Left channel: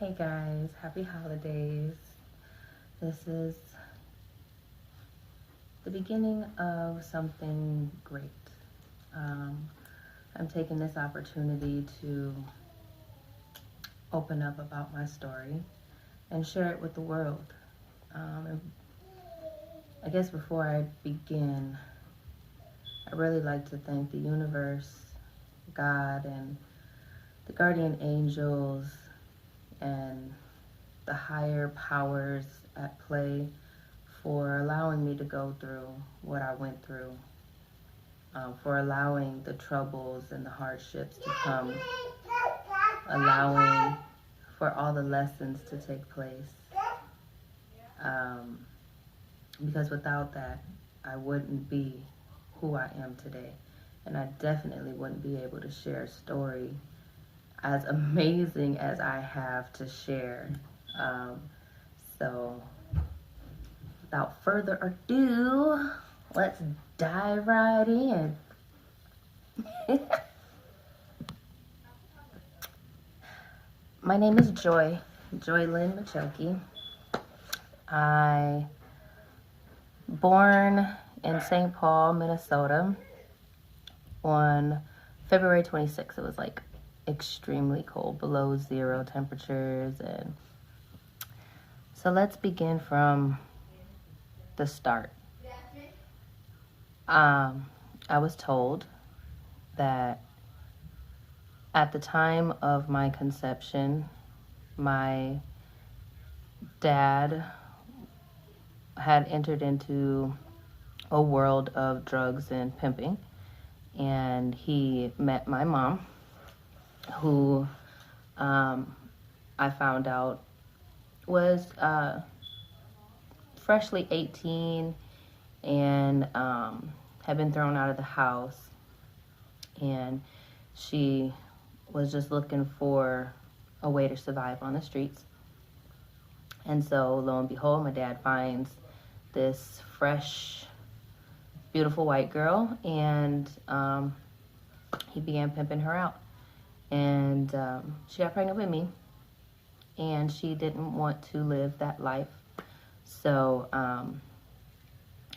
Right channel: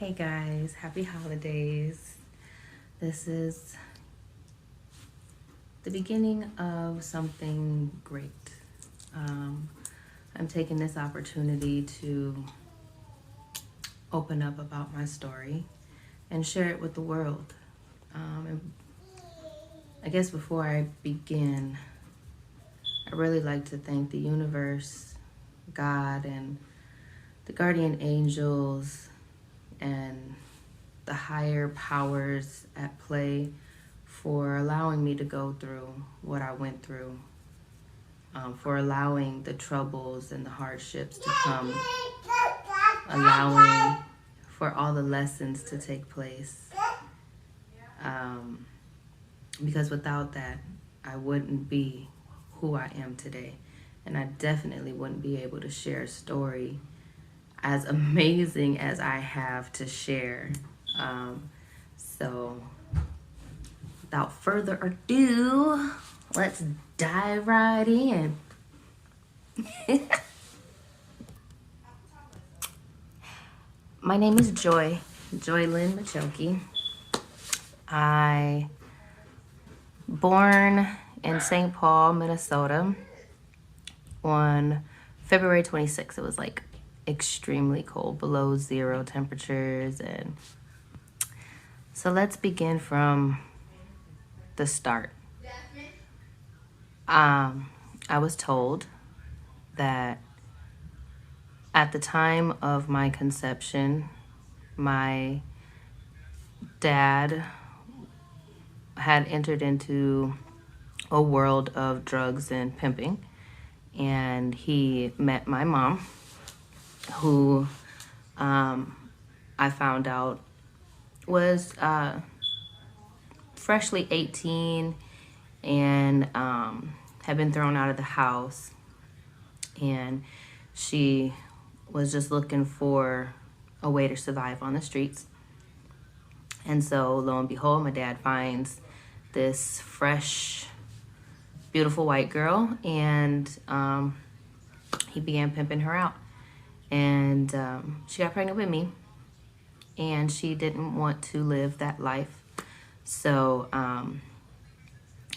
Hey guys, happy holidays. This is the beginning of something great. I'm taking this opportunity to open up about my story and share it with the world. And I guess before I begin, I really like to thank the universe, God, and the guardian angels and the higher powers at play for allowing me to go through what I went through, for allowing the troubles and the hardships to come, allowing for all the lessons to take place. Because without that, I wouldn't be who I am today. And I definitely wouldn't be able to share a story as amazing as I have to share. So without further ado, let's dive right in. My name is Joy Lynn Machoki. I born in St. Paul, Minnesota on February 26th. It was like extremely cold, below zero temperatures. And so let's begin from the start. I was told that at the time of my conception, my dad had entered into a world of drugs and pimping, and he met my mom, who I found out was freshly 18 and had been thrown out of the house, and she was just looking for a way to survive on the streets. And so lo and behold, my dad finds this fresh, beautiful white girl, and he began pimping her out. And she got pregnant with me, and she didn't want to live that life. So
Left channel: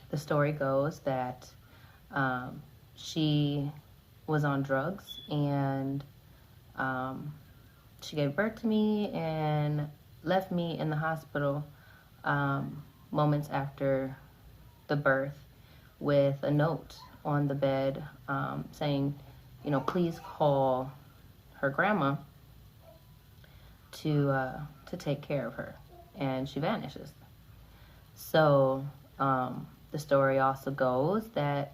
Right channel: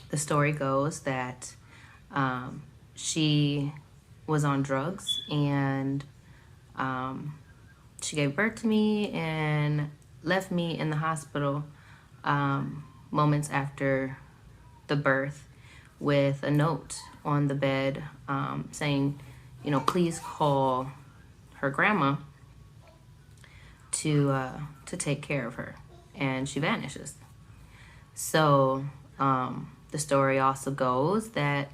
the story goes that she was on drugs, and she gave birth to me and left me in the hospital moments after the birth with a note on the bed saying, please call her grandma to take care of her. And she vanishes. So the story also goes that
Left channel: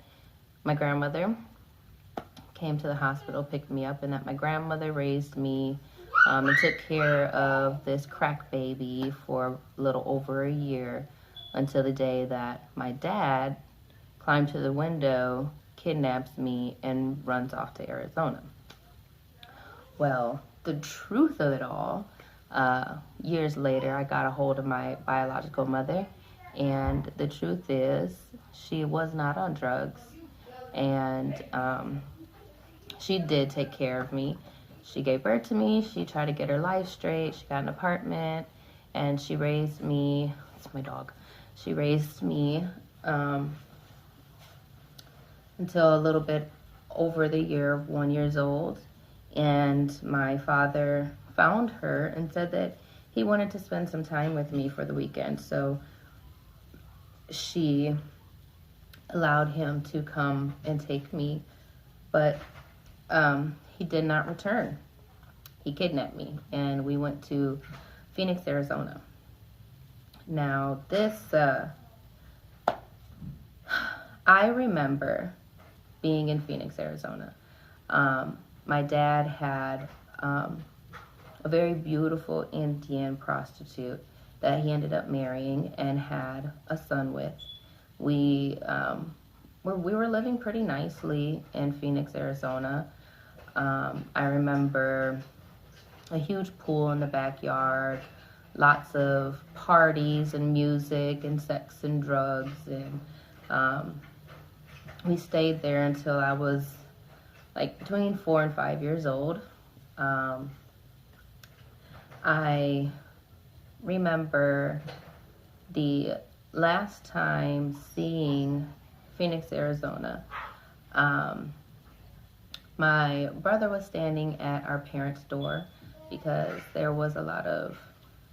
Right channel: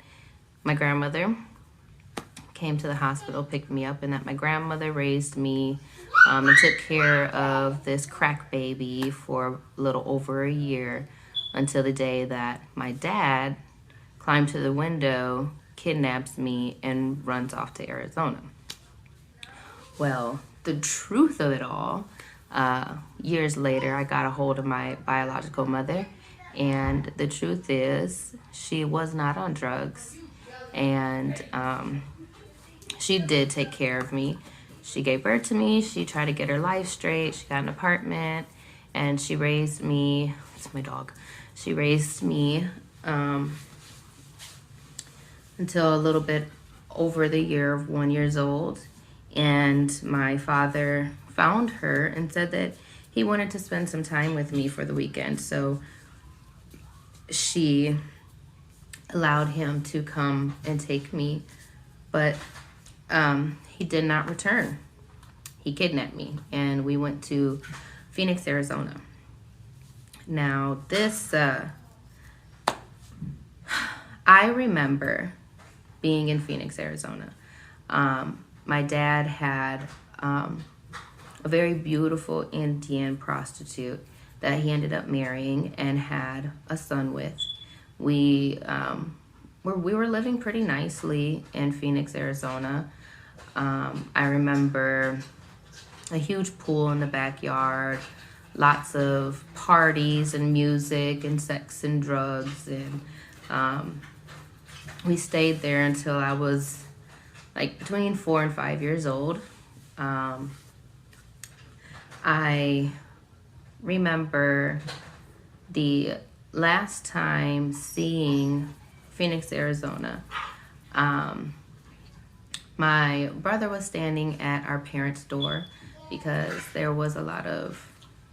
my grandmother came to the hospital, picked me up, and that my grandmother raised me and took care of this crack baby for a little over a year until the day that my dad climbed to the window, kidnaps me, and runs off to Arizona. Well, the truth of it all, years later, I got a hold of my biological mother, and the truth is she was not on drugs, and she did take care of me. She gave birth to me. She tried to get her life straight. She got an apartment, and she raised me. It's my dog. She raised me until a little bit over the year of 1 year old. And my father found her and said that he wanted to spend some time with me for the weekend. So she allowed him to come and take me, but he did not return. He kidnapped me, and we went to Phoenix, Arizona. Now, this, I remember being in Phoenix, Arizona. My dad had a very beautiful Indian prostitute that he ended up marrying and had a son with. We were living pretty nicely in Phoenix, Arizona. I remember a huge pool in the backyard, lots of parties and music and sex and drugs, and we stayed there until I was like between 4 and 5 years old. I remember the last time seeing Phoenix, Arizona. My brother was standing at our parents' door because there was a lot of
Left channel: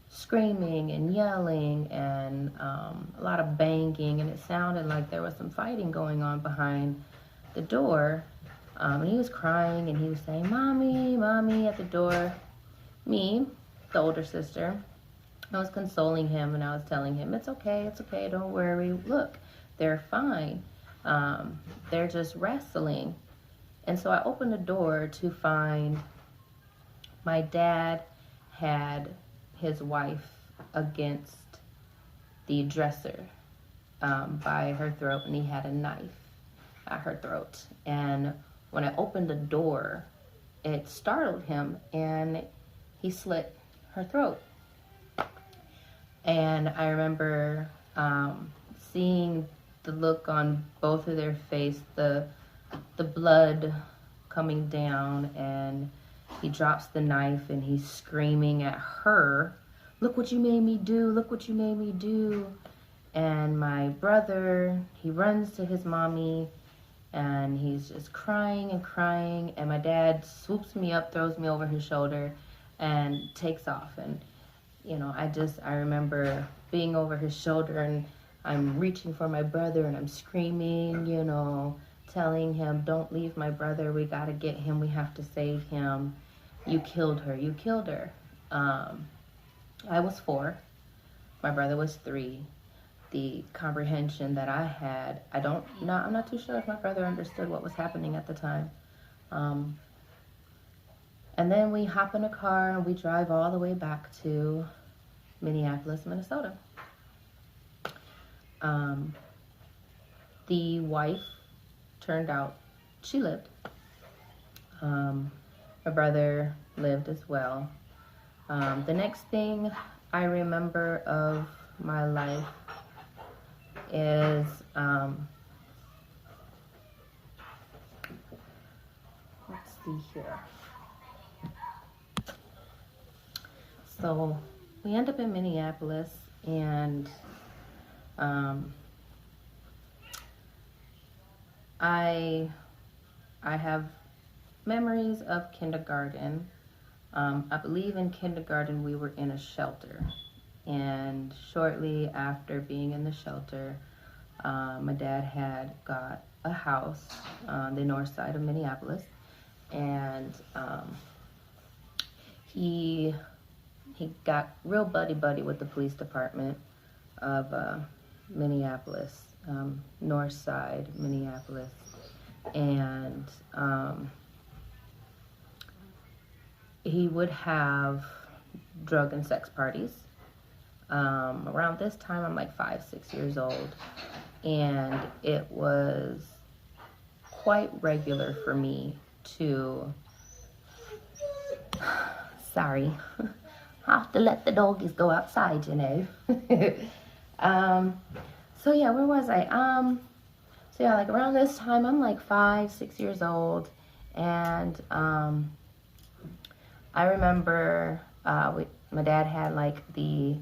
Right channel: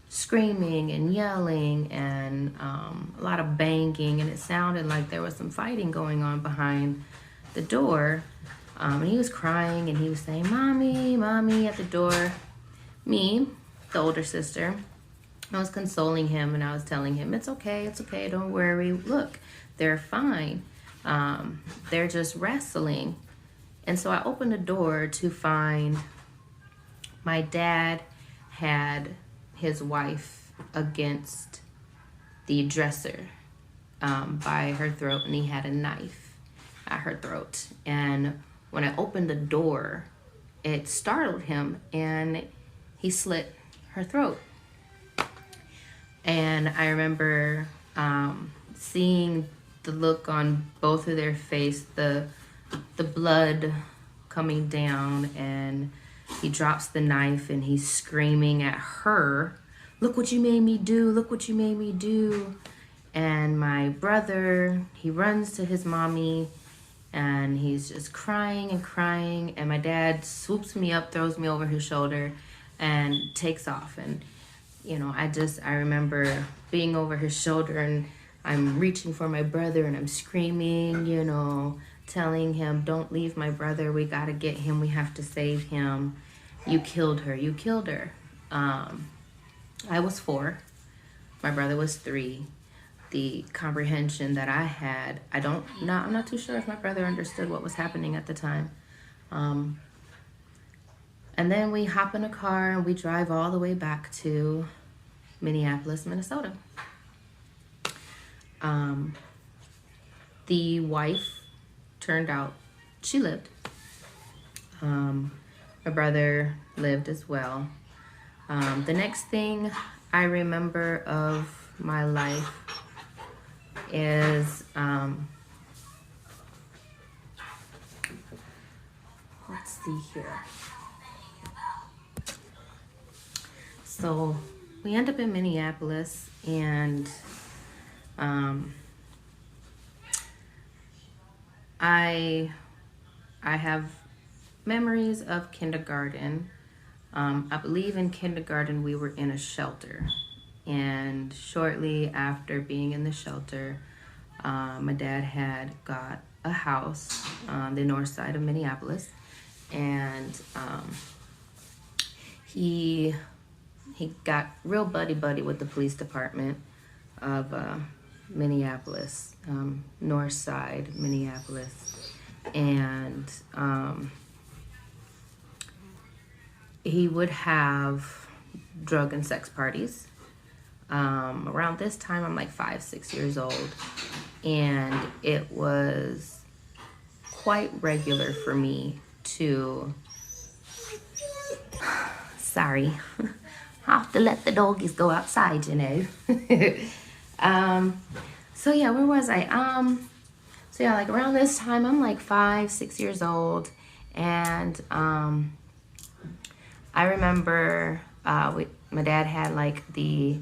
screaming and yelling and a lot of banging, and it sounded like there was some fighting going on behind the door. And he was crying and he was saying, "Mommy, mommy," at the door. Me, the older sister, I was consoling him and I was telling him, it's okay, don't worry. Look, they're fine. They're just wrestling. And so I opened the door to find my dad had his wife against the dresser by her throat, and he had a knife at her throat. And when I opened the door, it startled him and he slit her throat. And I remember seeing the look on both of their face, the blood coming down, and he drops the knife and he's screaming at her, "Look what you made me do, look what you made me do." And my brother, he runs to his mommy and he's just crying and crying, and my dad swoops me up, throws me over his shoulder and takes off. And you know, I remember being over his shoulder and I'm reaching for my brother and I'm screaming, you know, telling him, "Don't leave my brother. We got to get him. We have to save him. You killed her. You killed her." I was 4. My brother was 3. The comprehension that I had, I'm not too sure if my brother understood what was happening at the time. And then we hop in a car and we drive all the way back to Minneapolis, Minnesota. The wife turned out, she lived. My brother lived as well. The next thing I remember of my life is, let's see here. So we end up in Minneapolis, and I have memories of kindergarten. I believe in kindergarten we were in a shelter, and shortly after being in the shelter, my dad had got a house on the north side of Minneapolis, and he got real buddy with the police department of Minneapolis, north side Minneapolis, and he would have drug and sex parties. Around this time, I'm like 5-6 years old, and it was quite regular for me to, sorry, have to let the doggies go outside, you know. So yeah, where was I? So yeah, like around this time, I'm like 5-6 years old, and I remember my dad had like the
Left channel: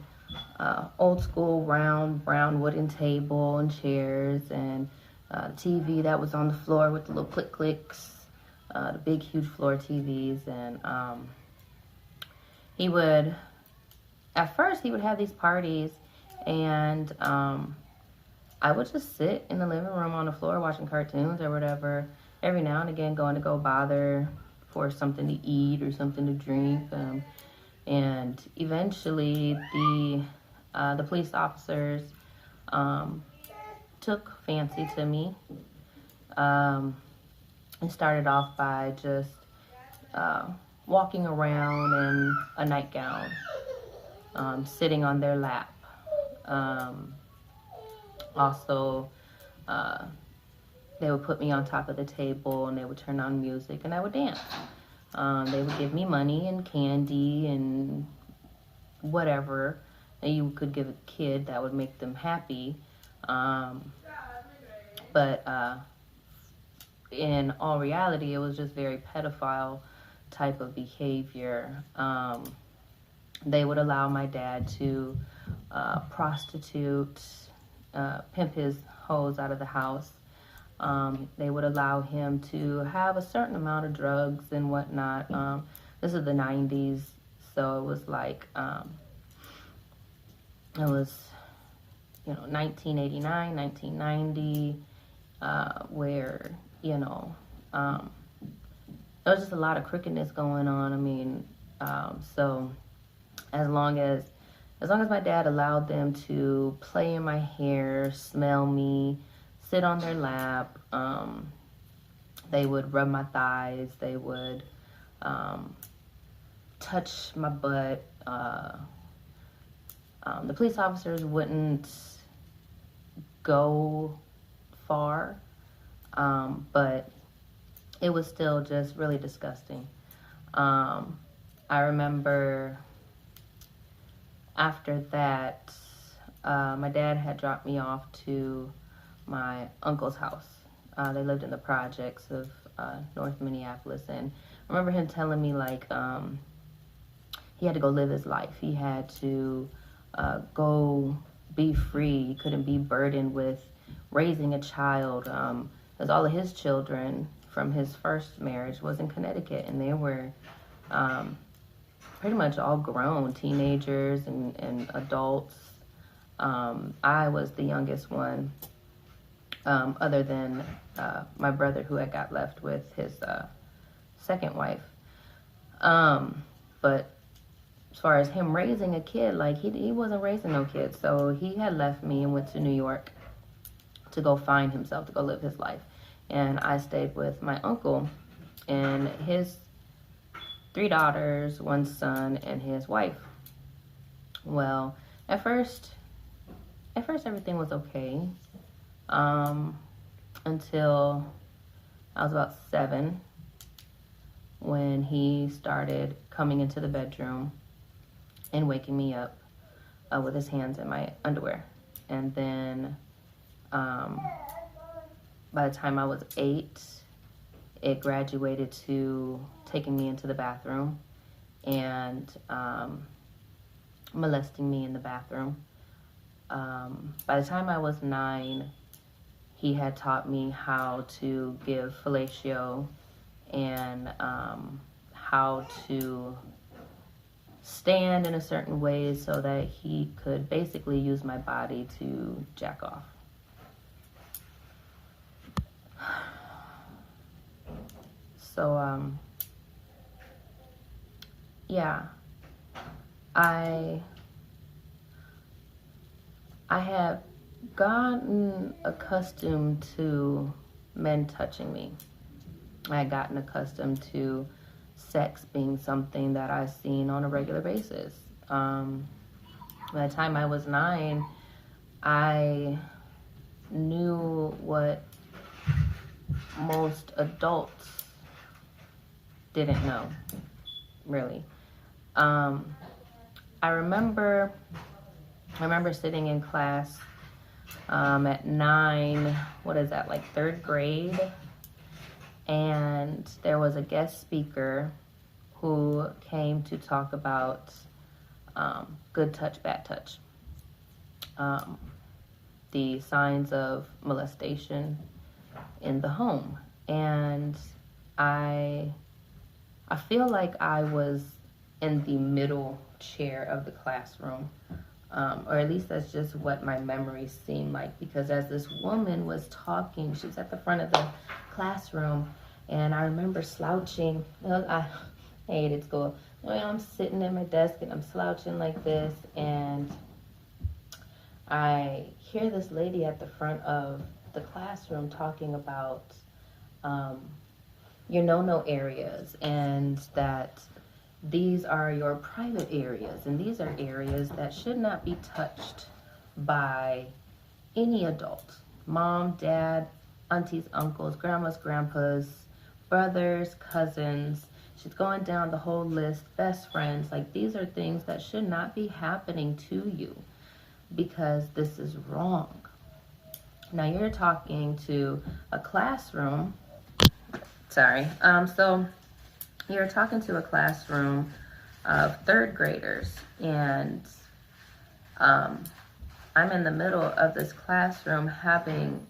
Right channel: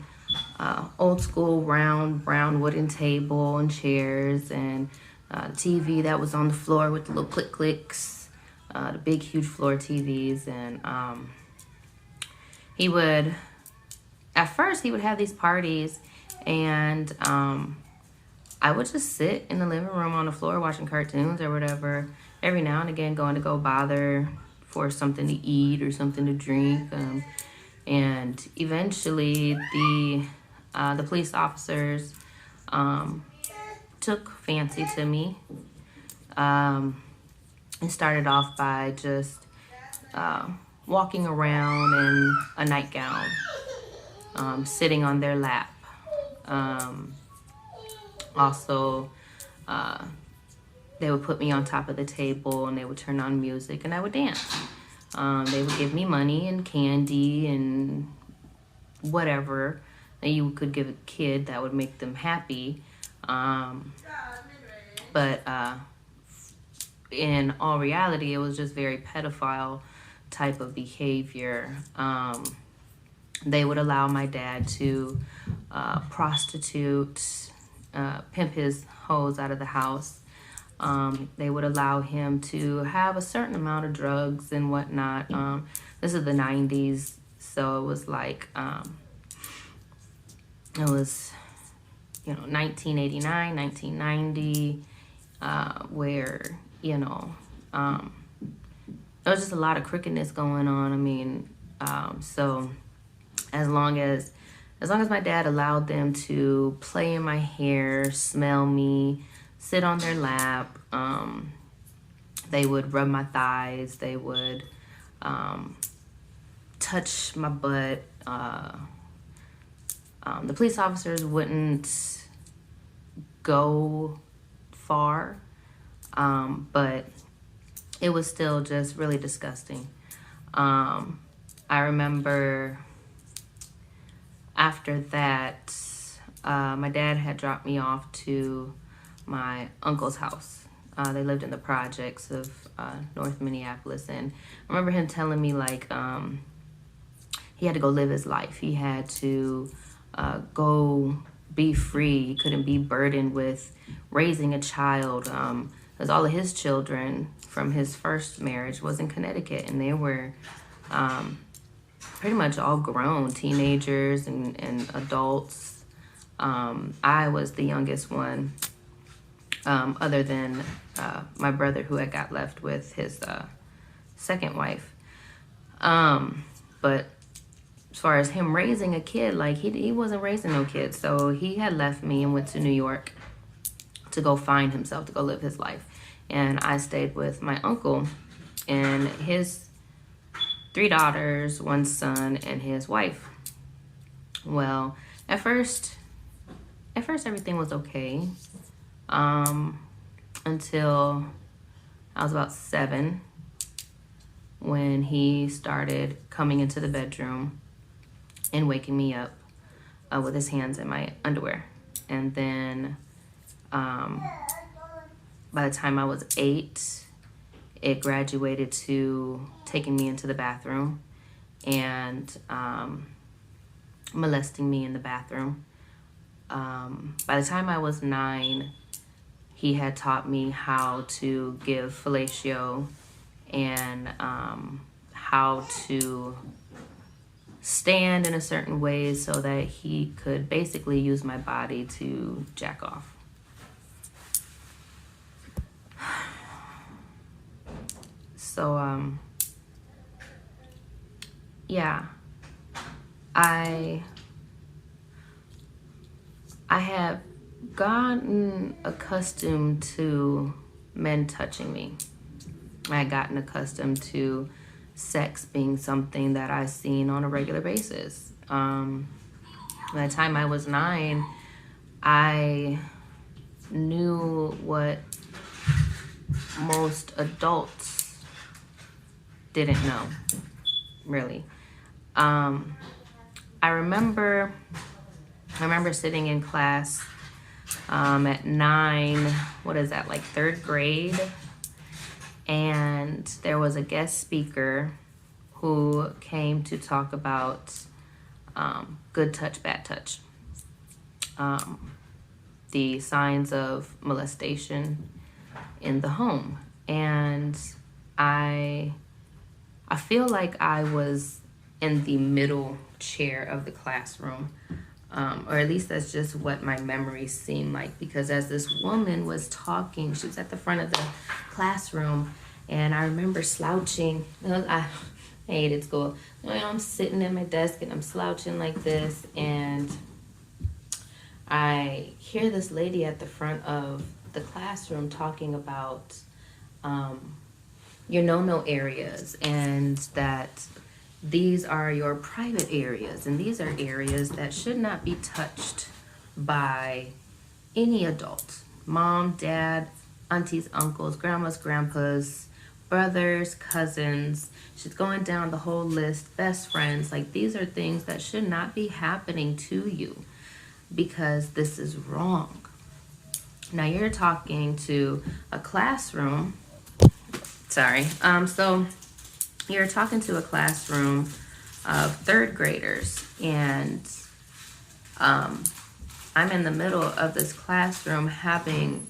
old school round brown wooden table and chairs, and TV that was on the floor with the little clicks, the big huge floor TVs. And at first he would have these parties, and I would just sit in the living room on the floor watching cartoons or whatever, every now and again going to go bother for something to eat or something to drink. And eventually the police officers took fancy to me, and started off by just walking around in a nightgown, sitting on their lap. Also, they would put me on top of the table and they would turn on music and I would dance. They would give me money and candy and whatever that you could give a kid that would make them happy. But in all reality, it was just very pedophile type of behavior. They would allow my dad to prostitute, pimp his hoes out of the house. They would allow him to have a certain amount of drugs and whatnot. This is the 90s, so it was like, it was, 1989, 1990, where, there was just a lot of crookedness going on. I mean, so as long as my dad allowed them to play in my hair, smell me, sit on their lap, they would rub my thighs, they would touch my butt. The police officers wouldn't go far, but it was still just really disgusting. I remember after that, my dad had dropped me off to my uncle's house. They lived in the projects of North Minneapolis, and I remember him telling me, like, he had to go live his life. He had to go be free. He couldn't be burdened with raising a child, because all of his children from his first marriage was in Connecticut, and they were pretty much all grown, teenagers and adults. I was the youngest one, other than my brother, who had got left with his second wife. But as far as him raising a kid, like, he wasn't raising no kids. So he had left me and went to New York to go find himself, to go live his life. And I stayed with my uncle and his 3 daughters, 1 son, and his wife. Well, at first everything was okay, until I was about 7, when he started coming into the bedroom and waking me up with his hands in my underwear. And then by the time I was 8, it graduated to taking me into the bathroom and molesting me in the bathroom. By the time I was 9, he had taught me how to give fellatio and how to stand in a certain way so that he could basically use my body to jack off. So, yeah, I have gotten accustomed to men touching me. I had gotten accustomed to sex being something that I seen on a regular basis. By the time I was 9, I knew what most adults didn't know, really. I remember sitting in class at 9, what is that, like 3rd grade? And there was a guest speaker who came to talk about good touch, bad touch. The signs of molestation in the home. And I feel like I was in the middle chair of the classroom, or at least that's just what my memories seem like, because as this woman was talking, she was at the front of the classroom, and I remember slouching. I hated school. I'm sitting at my desk and I'm slouching like this, and I hear this lady at the front of the classroom talking about your no-no areas, and that these are your private areas, and these are areas that should not be touched by any adult. Mom, dad, aunties, uncles, grandmas, grandpas, brothers, cousins. She's going down the whole list, best friends. Like, these are things that should not be happening to you, because this is wrong. Now, you're talking to a classroom. So you're talking to a classroom of third graders. And I'm in the middle of this classroom having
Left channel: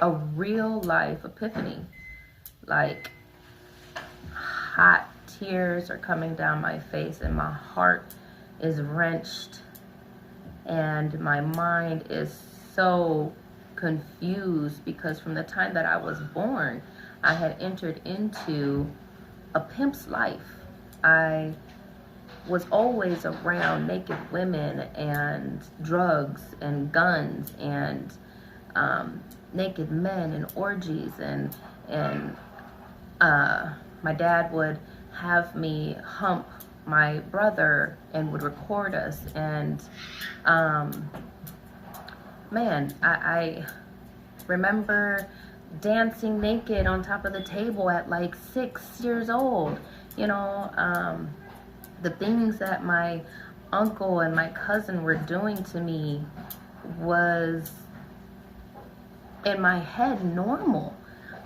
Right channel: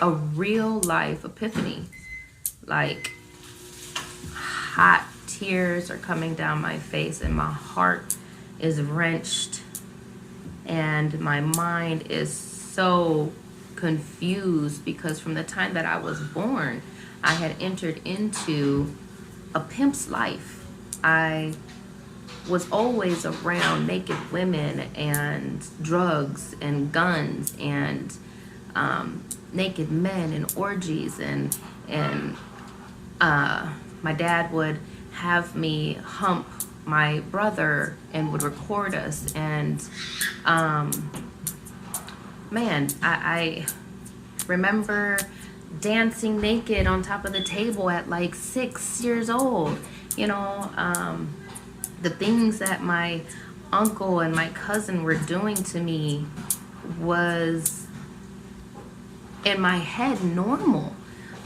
a real life epiphany. Like, hot tears are coming down my face and my heart is wrenched and my mind is so confused, because from the time that I was born, I had entered into a pimp's life. I was always around naked women and drugs and guns and naked men and orgies, and my dad would have me hump my brother and would record us. And man, I remember dancing naked on top of the table at like 6 years old. You know, the things that my uncle and my cousin were doing to me was in my head normal.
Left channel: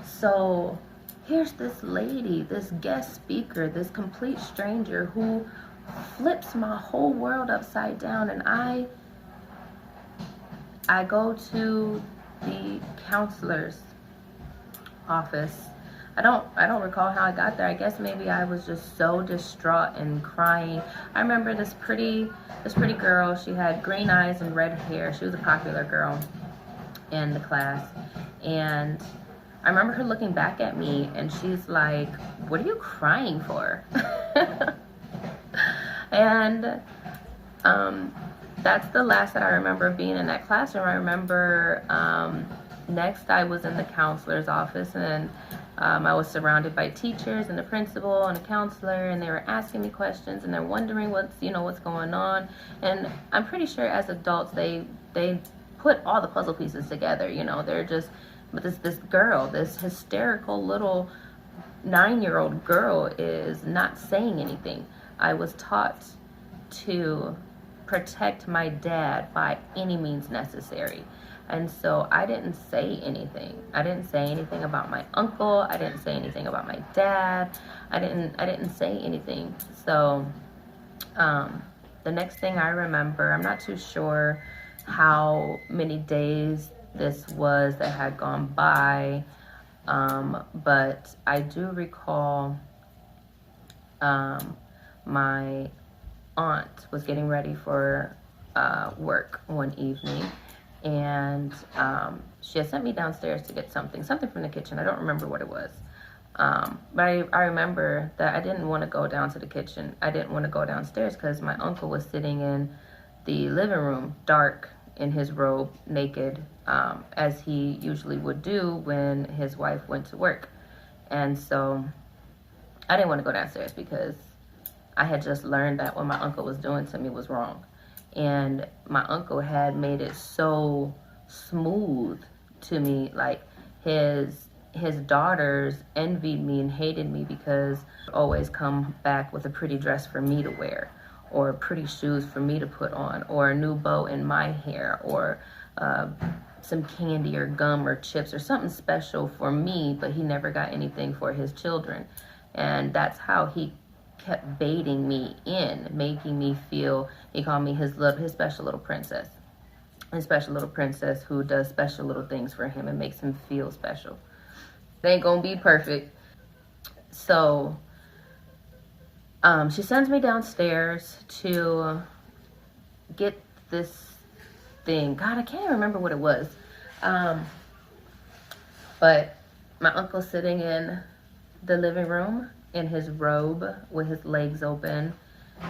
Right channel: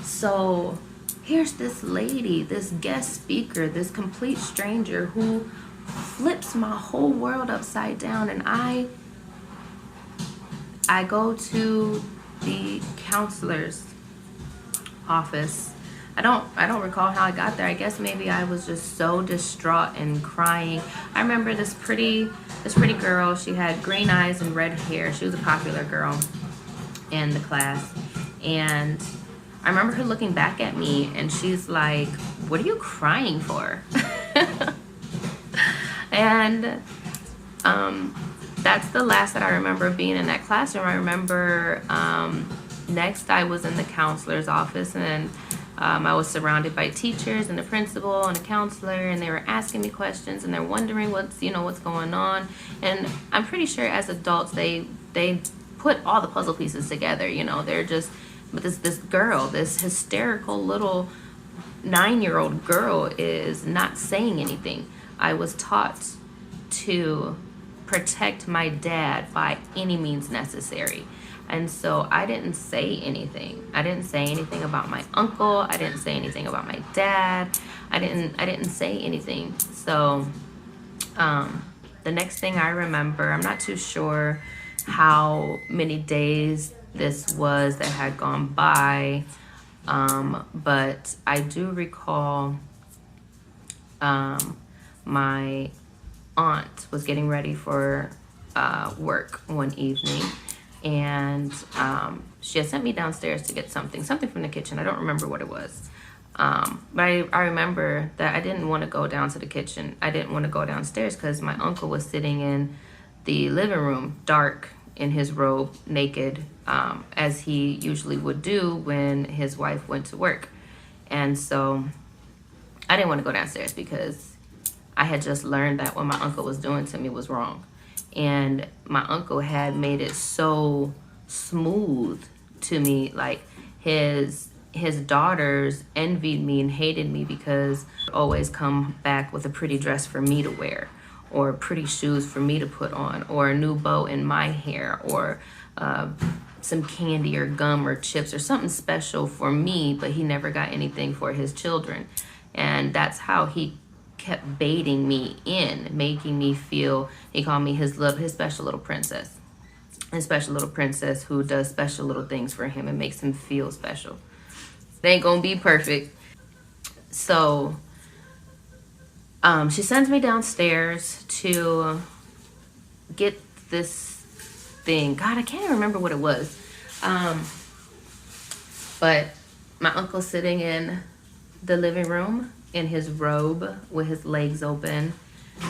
So here's this lady, this guest speaker, this complete stranger who flips my whole world upside down, and I go to the counselor's office. I don't recall how I got there. I guess maybe I was just so distraught and crying. I remember this pretty girl. She had green eyes and red hair. She was a popular girl in the class. And I remember her looking back at me and she's like, "What are you crying for?" And that's the last that I remember being in that classroom. I remember next I was in the counselor's office, and I was surrounded by teachers and the principal and the counselor, and they were asking me questions and they're wondering what's going on. And I'm pretty sure as adults they put all the puzzle pieces together. They're just, but this girl, this hysterical little 9-year-old girl, is not saying anything. I was taught to protect my dad by any means necessary. And so I didn't say anything. I didn't say anything about my uncle. I didn't say anything about my dad. I didn't say anything. So the next thing I remember, I'm not too sure how many days this was that had gone by, but I do recall my aunt was getting ready for work one evening, and she had sent me downstairs to get something from the kitchen. I don't remember what it was, but I remember that I didn't want to go down to the kitchen. I didn't want to go downstairs because my uncle was sitting in the living room, dark, in his robe, naked, as he usually would do when his wife went to work. And so I didn't want to go downstairs because I had just learned that what my uncle was doing to me was wrong. And my uncle had made it so smooth to me. Like, his daughters envied me and hated me because I always come back with a pretty dress for me to wear, or pretty shoes for me to put on, or a new bow in my hair, or some candy or gum or chips or something special for me, but he never got anything for his children. And that's how he kept baiting me in, making me feel, he called me his special little princess. His special little princess who does special little things for him and makes him feel special. They ain't gonna be perfect. So she sends me downstairs to get this thing. God, I can't even remember what it was. But my uncle's sitting in the living room in his robe with his legs open,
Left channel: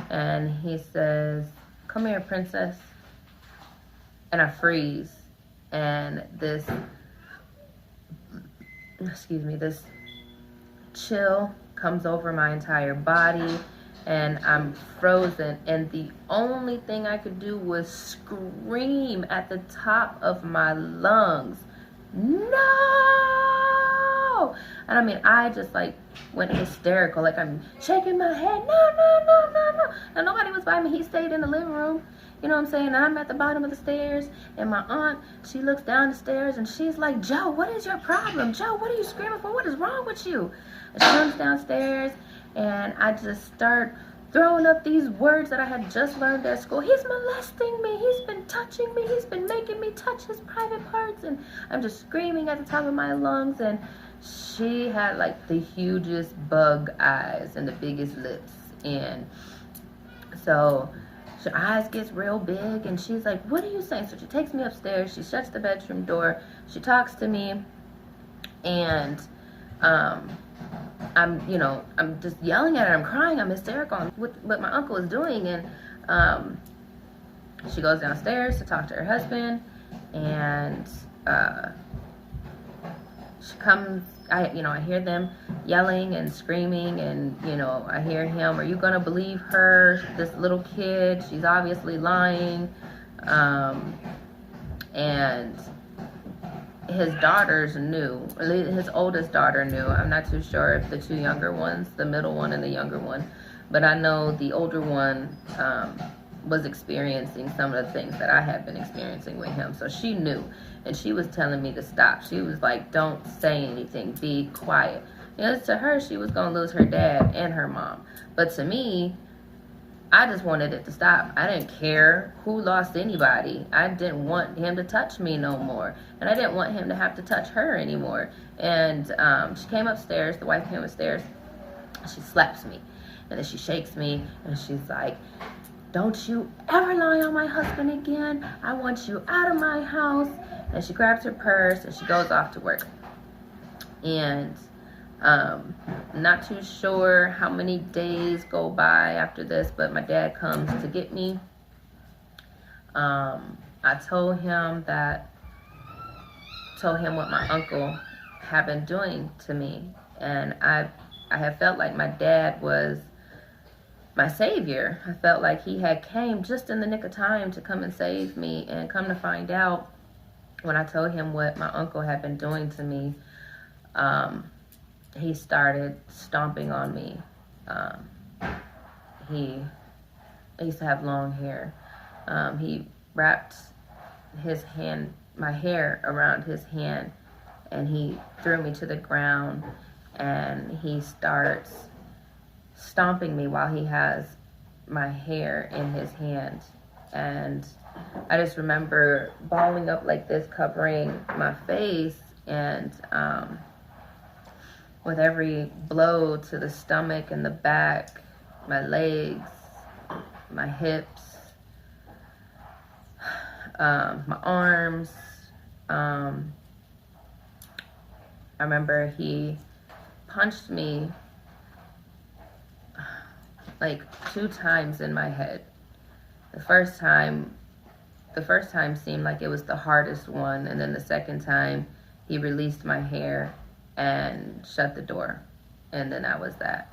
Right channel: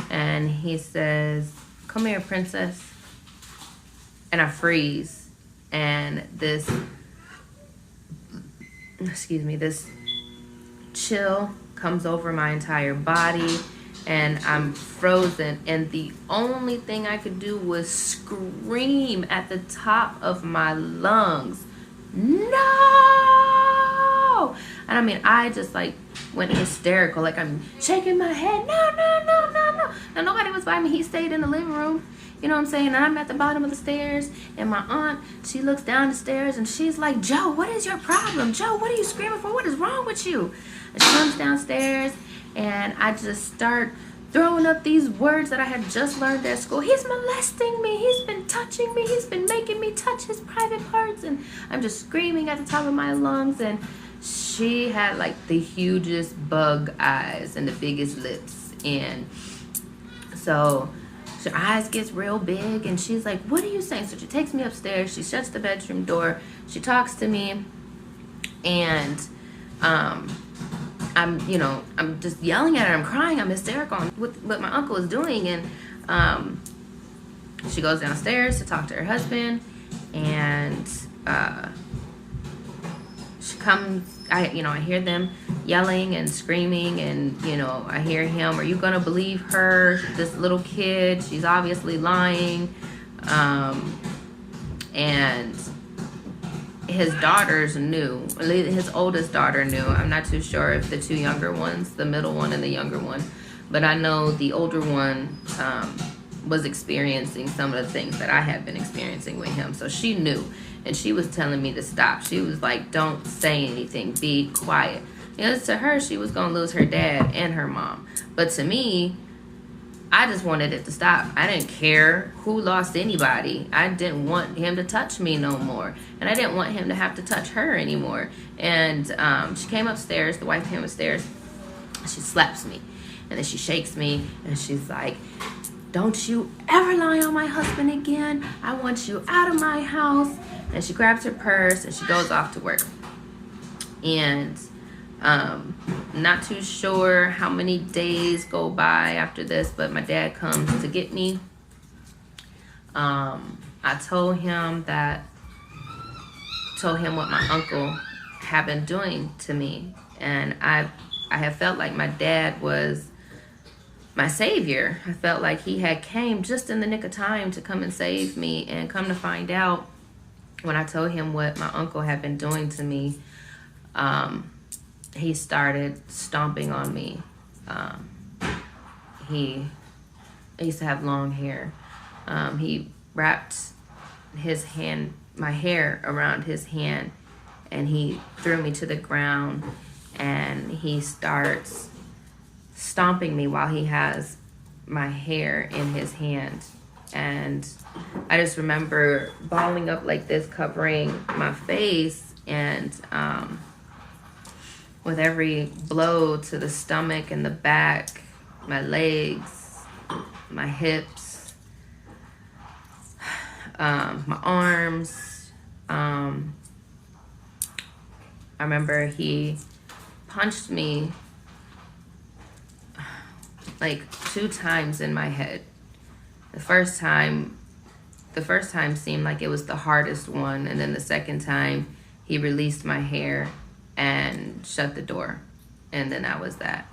and he says, "Come here, princess." And I freeze, and this chill comes over my entire body, and I'm frozen, and the only thing I could do was scream at the top of my lungs, "No!" And I mean, I just like went hysterical, like I'm shaking my head, "No, no, no, no, no." And nobody was by me. He stayed in the living room. You know what I'm saying? And I'm at the bottom of the stairs, and my aunt, she looks down the stairs, and she's like, "Joe, what is your problem? Joe, what are you screaming for? What is wrong with you?" And she comes downstairs, and I just start throwing up these words that I had just learned at school. He's molesting me. He's been touching me. He's been making me touch his private parts. And I'm just screaming at the top of my lungs. And she had like the hugest bug eyes and the biggest lips. And so her eyes gets real big. And she's like, what are you saying? So she takes me upstairs. She shuts the bedroom door. She talks to me. And I'm just yelling at her. I'm crying. I'm hysterical with what my uncle is doing. And she goes downstairs to talk to her husband. And she comes. I hear them yelling and screaming. And, I hear him, are you going to believe her? This little kid, she's obviously lying. And his daughters knew, his oldest daughter knew. I'm not too sure if the two younger ones, the middle one and the younger one, but I know the older one was experiencing some of the things that I had been experiencing with him. So she knew, and she was telling me to stop. She was like, don't say anything, be quiet. To her, she was going to lose her dad and her mom. But to me, I just wanted it to stop. I didn't care who lost anybody. I didn't want him to touch me no more. And I didn't want him to have to touch her anymore. And she came upstairs. The wife came upstairs. She slaps me. And then she shakes me. And she's like, don't you ever lie on my husband again. I want you out of my house. And she grabs her purse and she goes off to work. And not too sure how many days go by after this, but my dad comes to get me. I told him what my uncle had been doing to me, and I have felt like my dad was my savior. I felt like he had came just in the nick of time to come and save me. And come to find out, when I told him what my uncle had been doing to me, he started stomping on me. He used to have long hair. He wrapped my hair around his hand, and he threw me to the ground, and he starts stomping me while he has my hair in his hand. And I just remember balling up like this, covering my face, and with every blow to the stomach and the back, my legs, my hips, my arms. I remember he punched me like 2 times in my head. The first time seemed like it was the hardest one, and then the second time he released my hair and shut the door, and then that was that.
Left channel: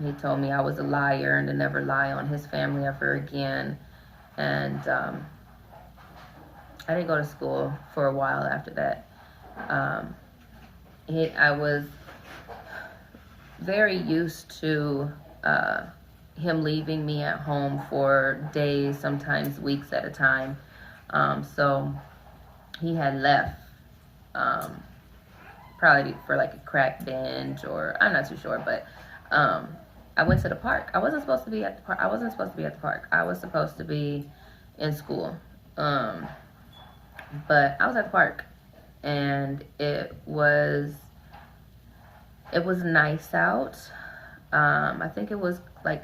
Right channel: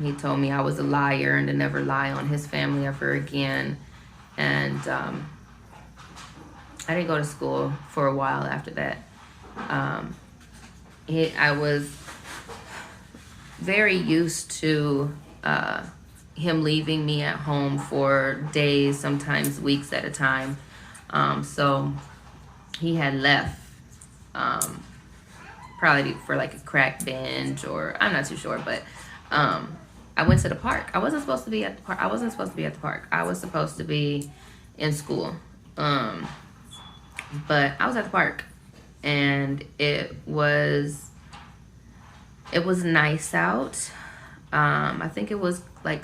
He told me I was a liar and to never lie on his family ever again. And I didn't go to school for a while after that. I was very used to him leaving me at home for days, sometimes weeks at a time. So he had left probably for like a crack binge, or I'm not too sure, but I went to the park. I wasn't supposed to be at the park. I was supposed to be in school. But I was at the park, and it was nice out. I think it was like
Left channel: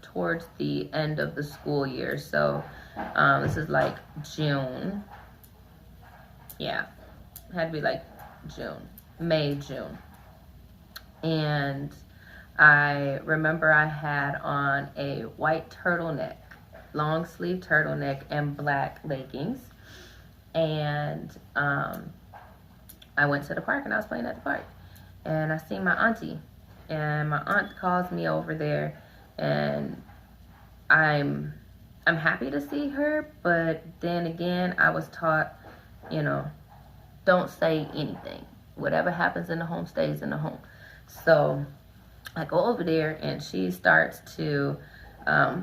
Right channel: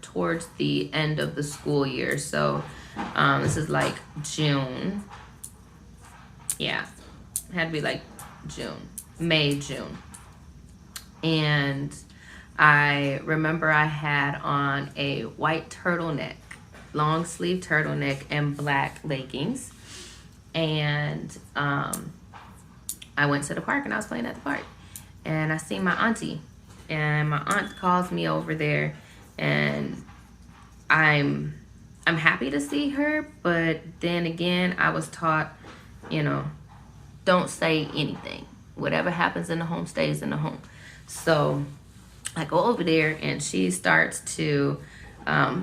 towards the end of the school year. So this is like June. Yeah, it had to be like May, June. And I remember I had on a white turtleneck, long sleeve turtleneck, and black leggings. And I went to the park, and I was playing at the park. And I seen my auntie. And my aunt calls me over there, and I'm happy to see her, but then again, I was taught, don't say anything. Whatever happens in the home stays in the home. So I go over there, and she starts to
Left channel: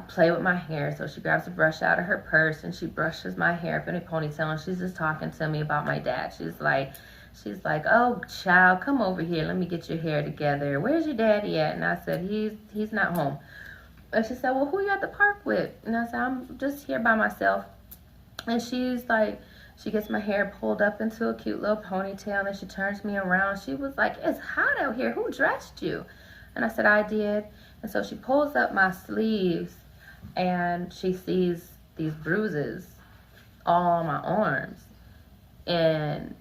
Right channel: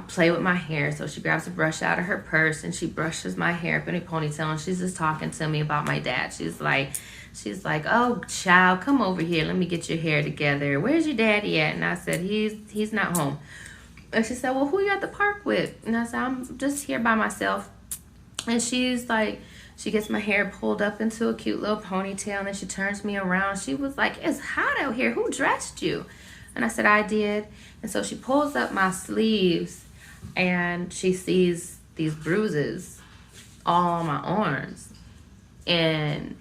play with my hair. So she grabs a brush out of her purse, and she brushes my hair up in a ponytail, and she's just talking to me about my dad. She's like, She's like, oh, child, come over here. Let me get your hair together. Where's your daddy at? And I said, he's not home. And she said, well, who you at the park with? And I said, I'm just here by myself. And she's like, she gets my hair pulled up into a cute little ponytail, and she turns me around. She was like, it's hot out here. Who dressed you? And I said, I did. And so she pulls up my sleeves, and she sees these bruises all on my arms. And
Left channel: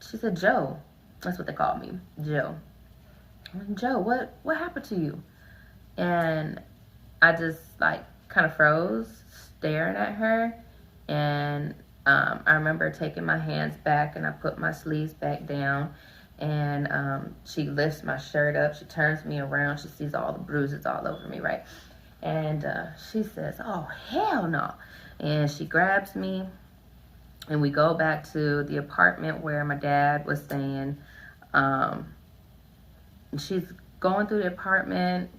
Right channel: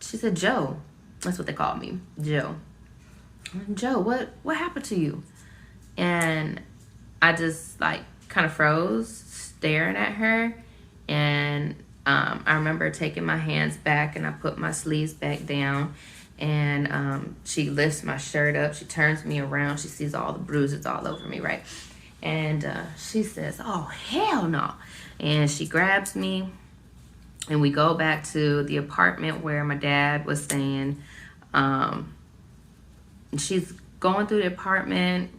she said, Joe. That's what they called me, Joe. Joe, what happened to you? And I just like kind of froze, staring at her. And I remember taking my hands back, and I put my sleeves back down. And she lifts my shirt up. She turns me around. She sees all the bruises all over me, right? And she says, oh, hell no. And she grabs me, and we go back to the apartment where my dad was staying. She's going through the apartment,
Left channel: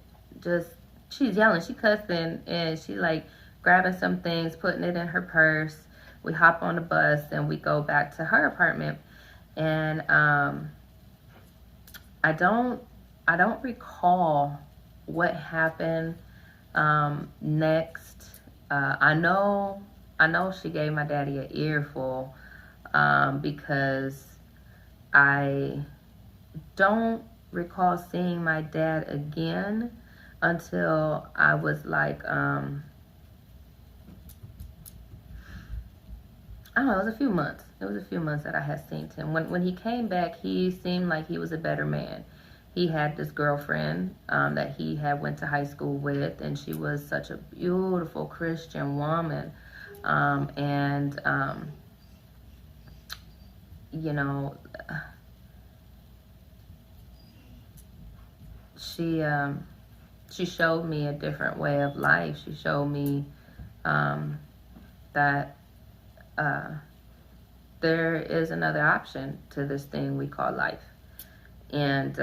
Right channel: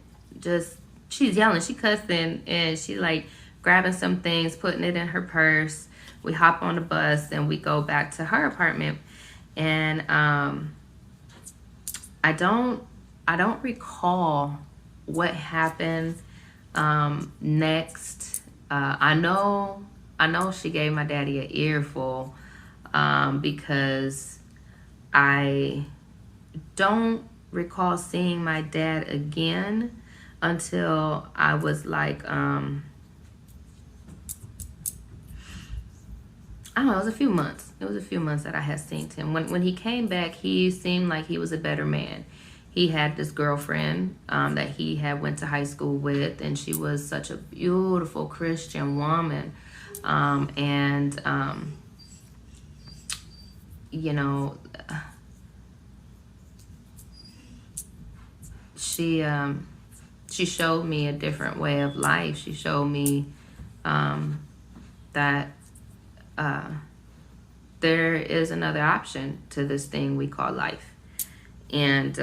she's yelling, she cussing, and she like grabbing some things, putting it in her purse. We hop on the bus, and we go back to her apartment. And I don't recall what happened next. I know she gave my daddy an earful, because I don't recall seeing my dad again until I was like, I don't know, it was a few months. It was a few months that I had seen him. When he came back, he seemed like he was a better man. He had this girlfriend that he had went to high school with, and she was such a beautiful Christian woman. You know, she showed me a different way of life. She showed me that there is another option to this thing we call life. And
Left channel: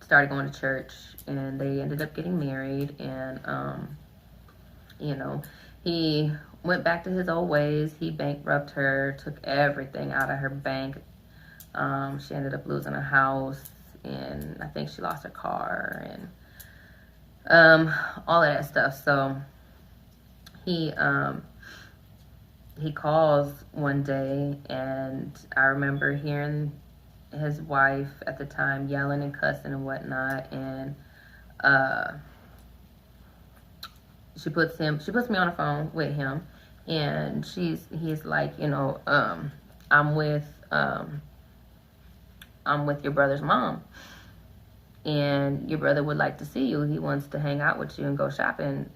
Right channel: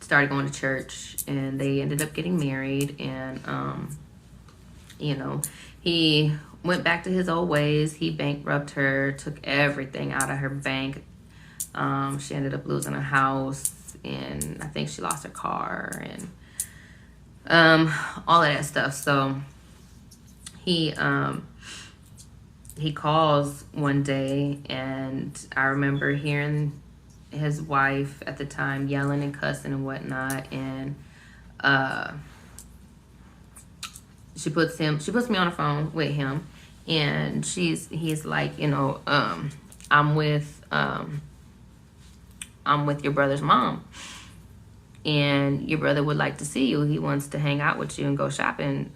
started going to church, and they ended up getting married. And you know, he went back to his old ways. He bankrupted her, took everything out of her bank. She ended up losing a house, and I think she lost her car, and all of that stuff. So he calls one day, and I remember hearing his wife at the time yelling and cussing and whatnot. And she puts me on the phone with him, and he's like, you know, I'm with your brother's mom, and your brother would like to see you. He wants to hang out with you and go shopping.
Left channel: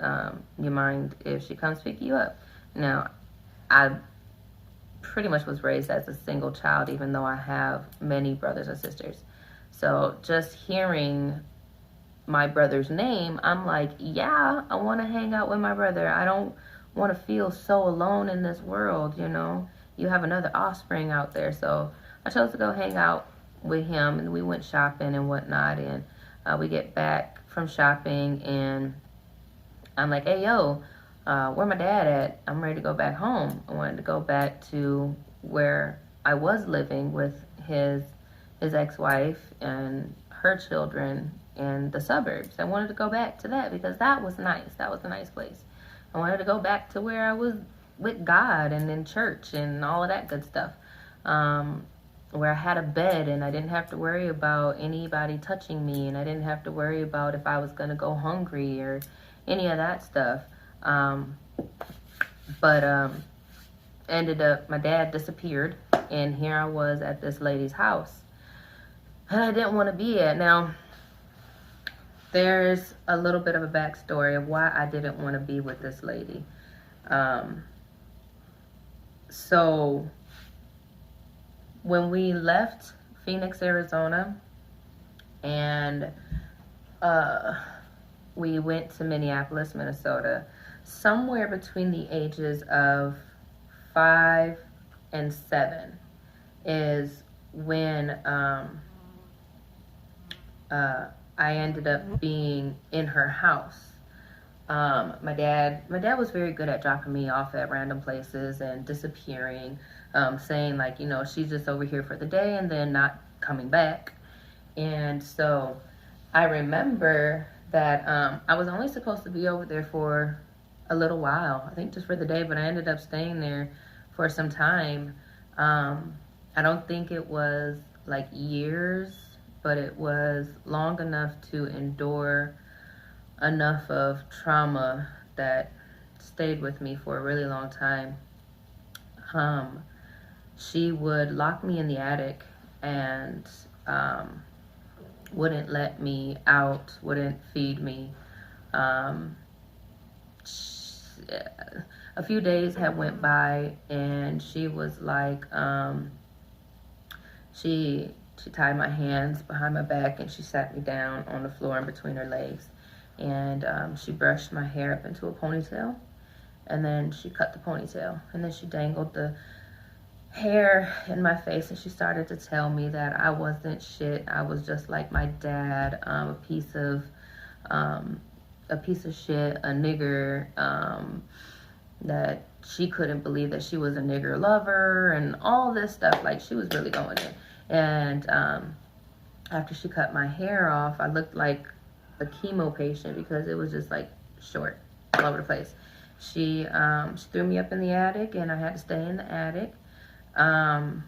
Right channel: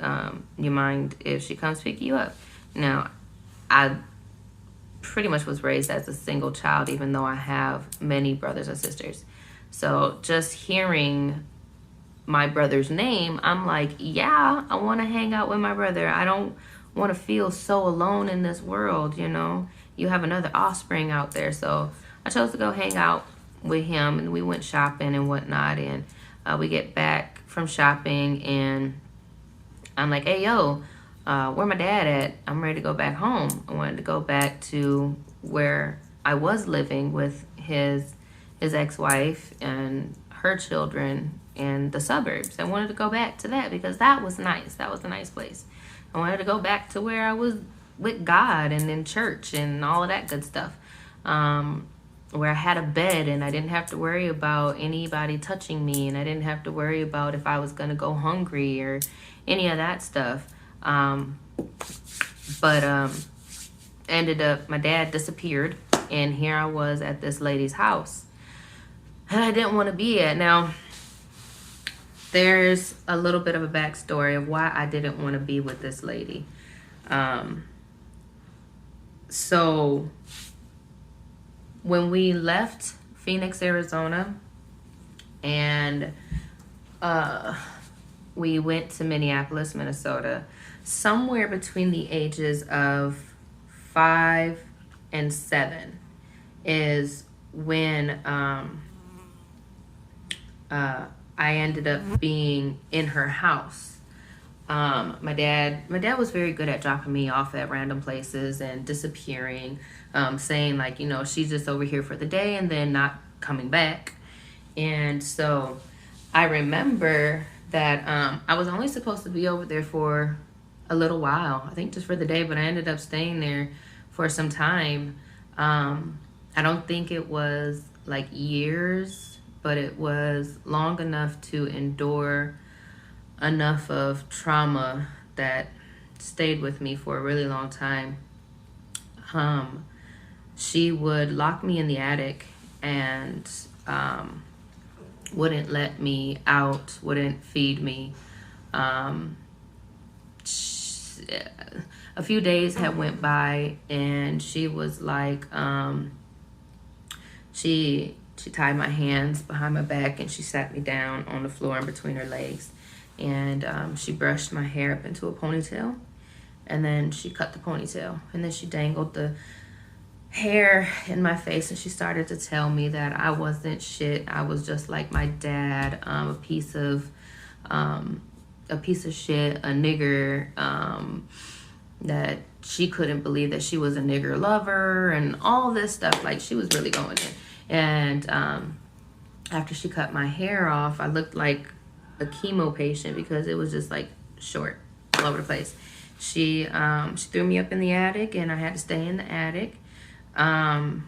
You mind if she comes pick you up? Now, I pretty much was raised as a single child, even though I have many brothers and sisters. So just hearing my brother's name, I'm like, yeah, I want to hang out with my brother. I don't want to feel so alone in this world, you know. You have another offspring out there. So I chose to go hang out with him, and we went shopping and whatnot. And we get back from shopping, and I'm like, hey, yo, where my dad at? I'm ready to go back home. I wanted to go back to where I was living with his ex-wife and her children in the suburbs. I wanted to go back to that because that was nice. That was a nice place. I wanted to go back to where I was with God and in church and all of that good stuff. Where I had a bed, and I didn't have to worry about anybody touching me, and I didn't have to worry about if I was going to go hungry or any of that stuff. Ended up, my dad disappeared, and here I was at this lady's house, and I didn't want to be at. Now, there's a little bit of a backstory of why I didn't want to be with this lady. So when we left Phoenix, Arizona, and we went to Minneapolis, Minnesota, somewhere between the ages of 5 and 7 is when I ended up being in her house. My dad was very good at dropping me off at random places and disappearing. saying like, you know, she's just over here for the day and then not coming back. And so I remember that I was only supposed to be over there for a little while, I think just for the day, but I ended up staying there for some time. I don't think it was like years, but it was long enough to endure enough of trauma that stayed with me for a really long time. She would lock me in the attic and wouldn't let me out, wouldn't feed me. A few days had went by and she was like, she tied my hands behind my back and she sat me down on the floor in between her legs. And she brushed my hair up into a ponytail. And then she cut the ponytail. And then she dangled the hair in my face. And she started to tell me that I wasn't shit. I was just like my dad, a piece of shit, a nigger, that she couldn't believe that she was a nigger lover and all this stuff. Like, she was really going in. And after she cut my hair off, I looked like a chemo patient because it was just like short all over the place. She threw me up in the attic and I had to stay in the attic. My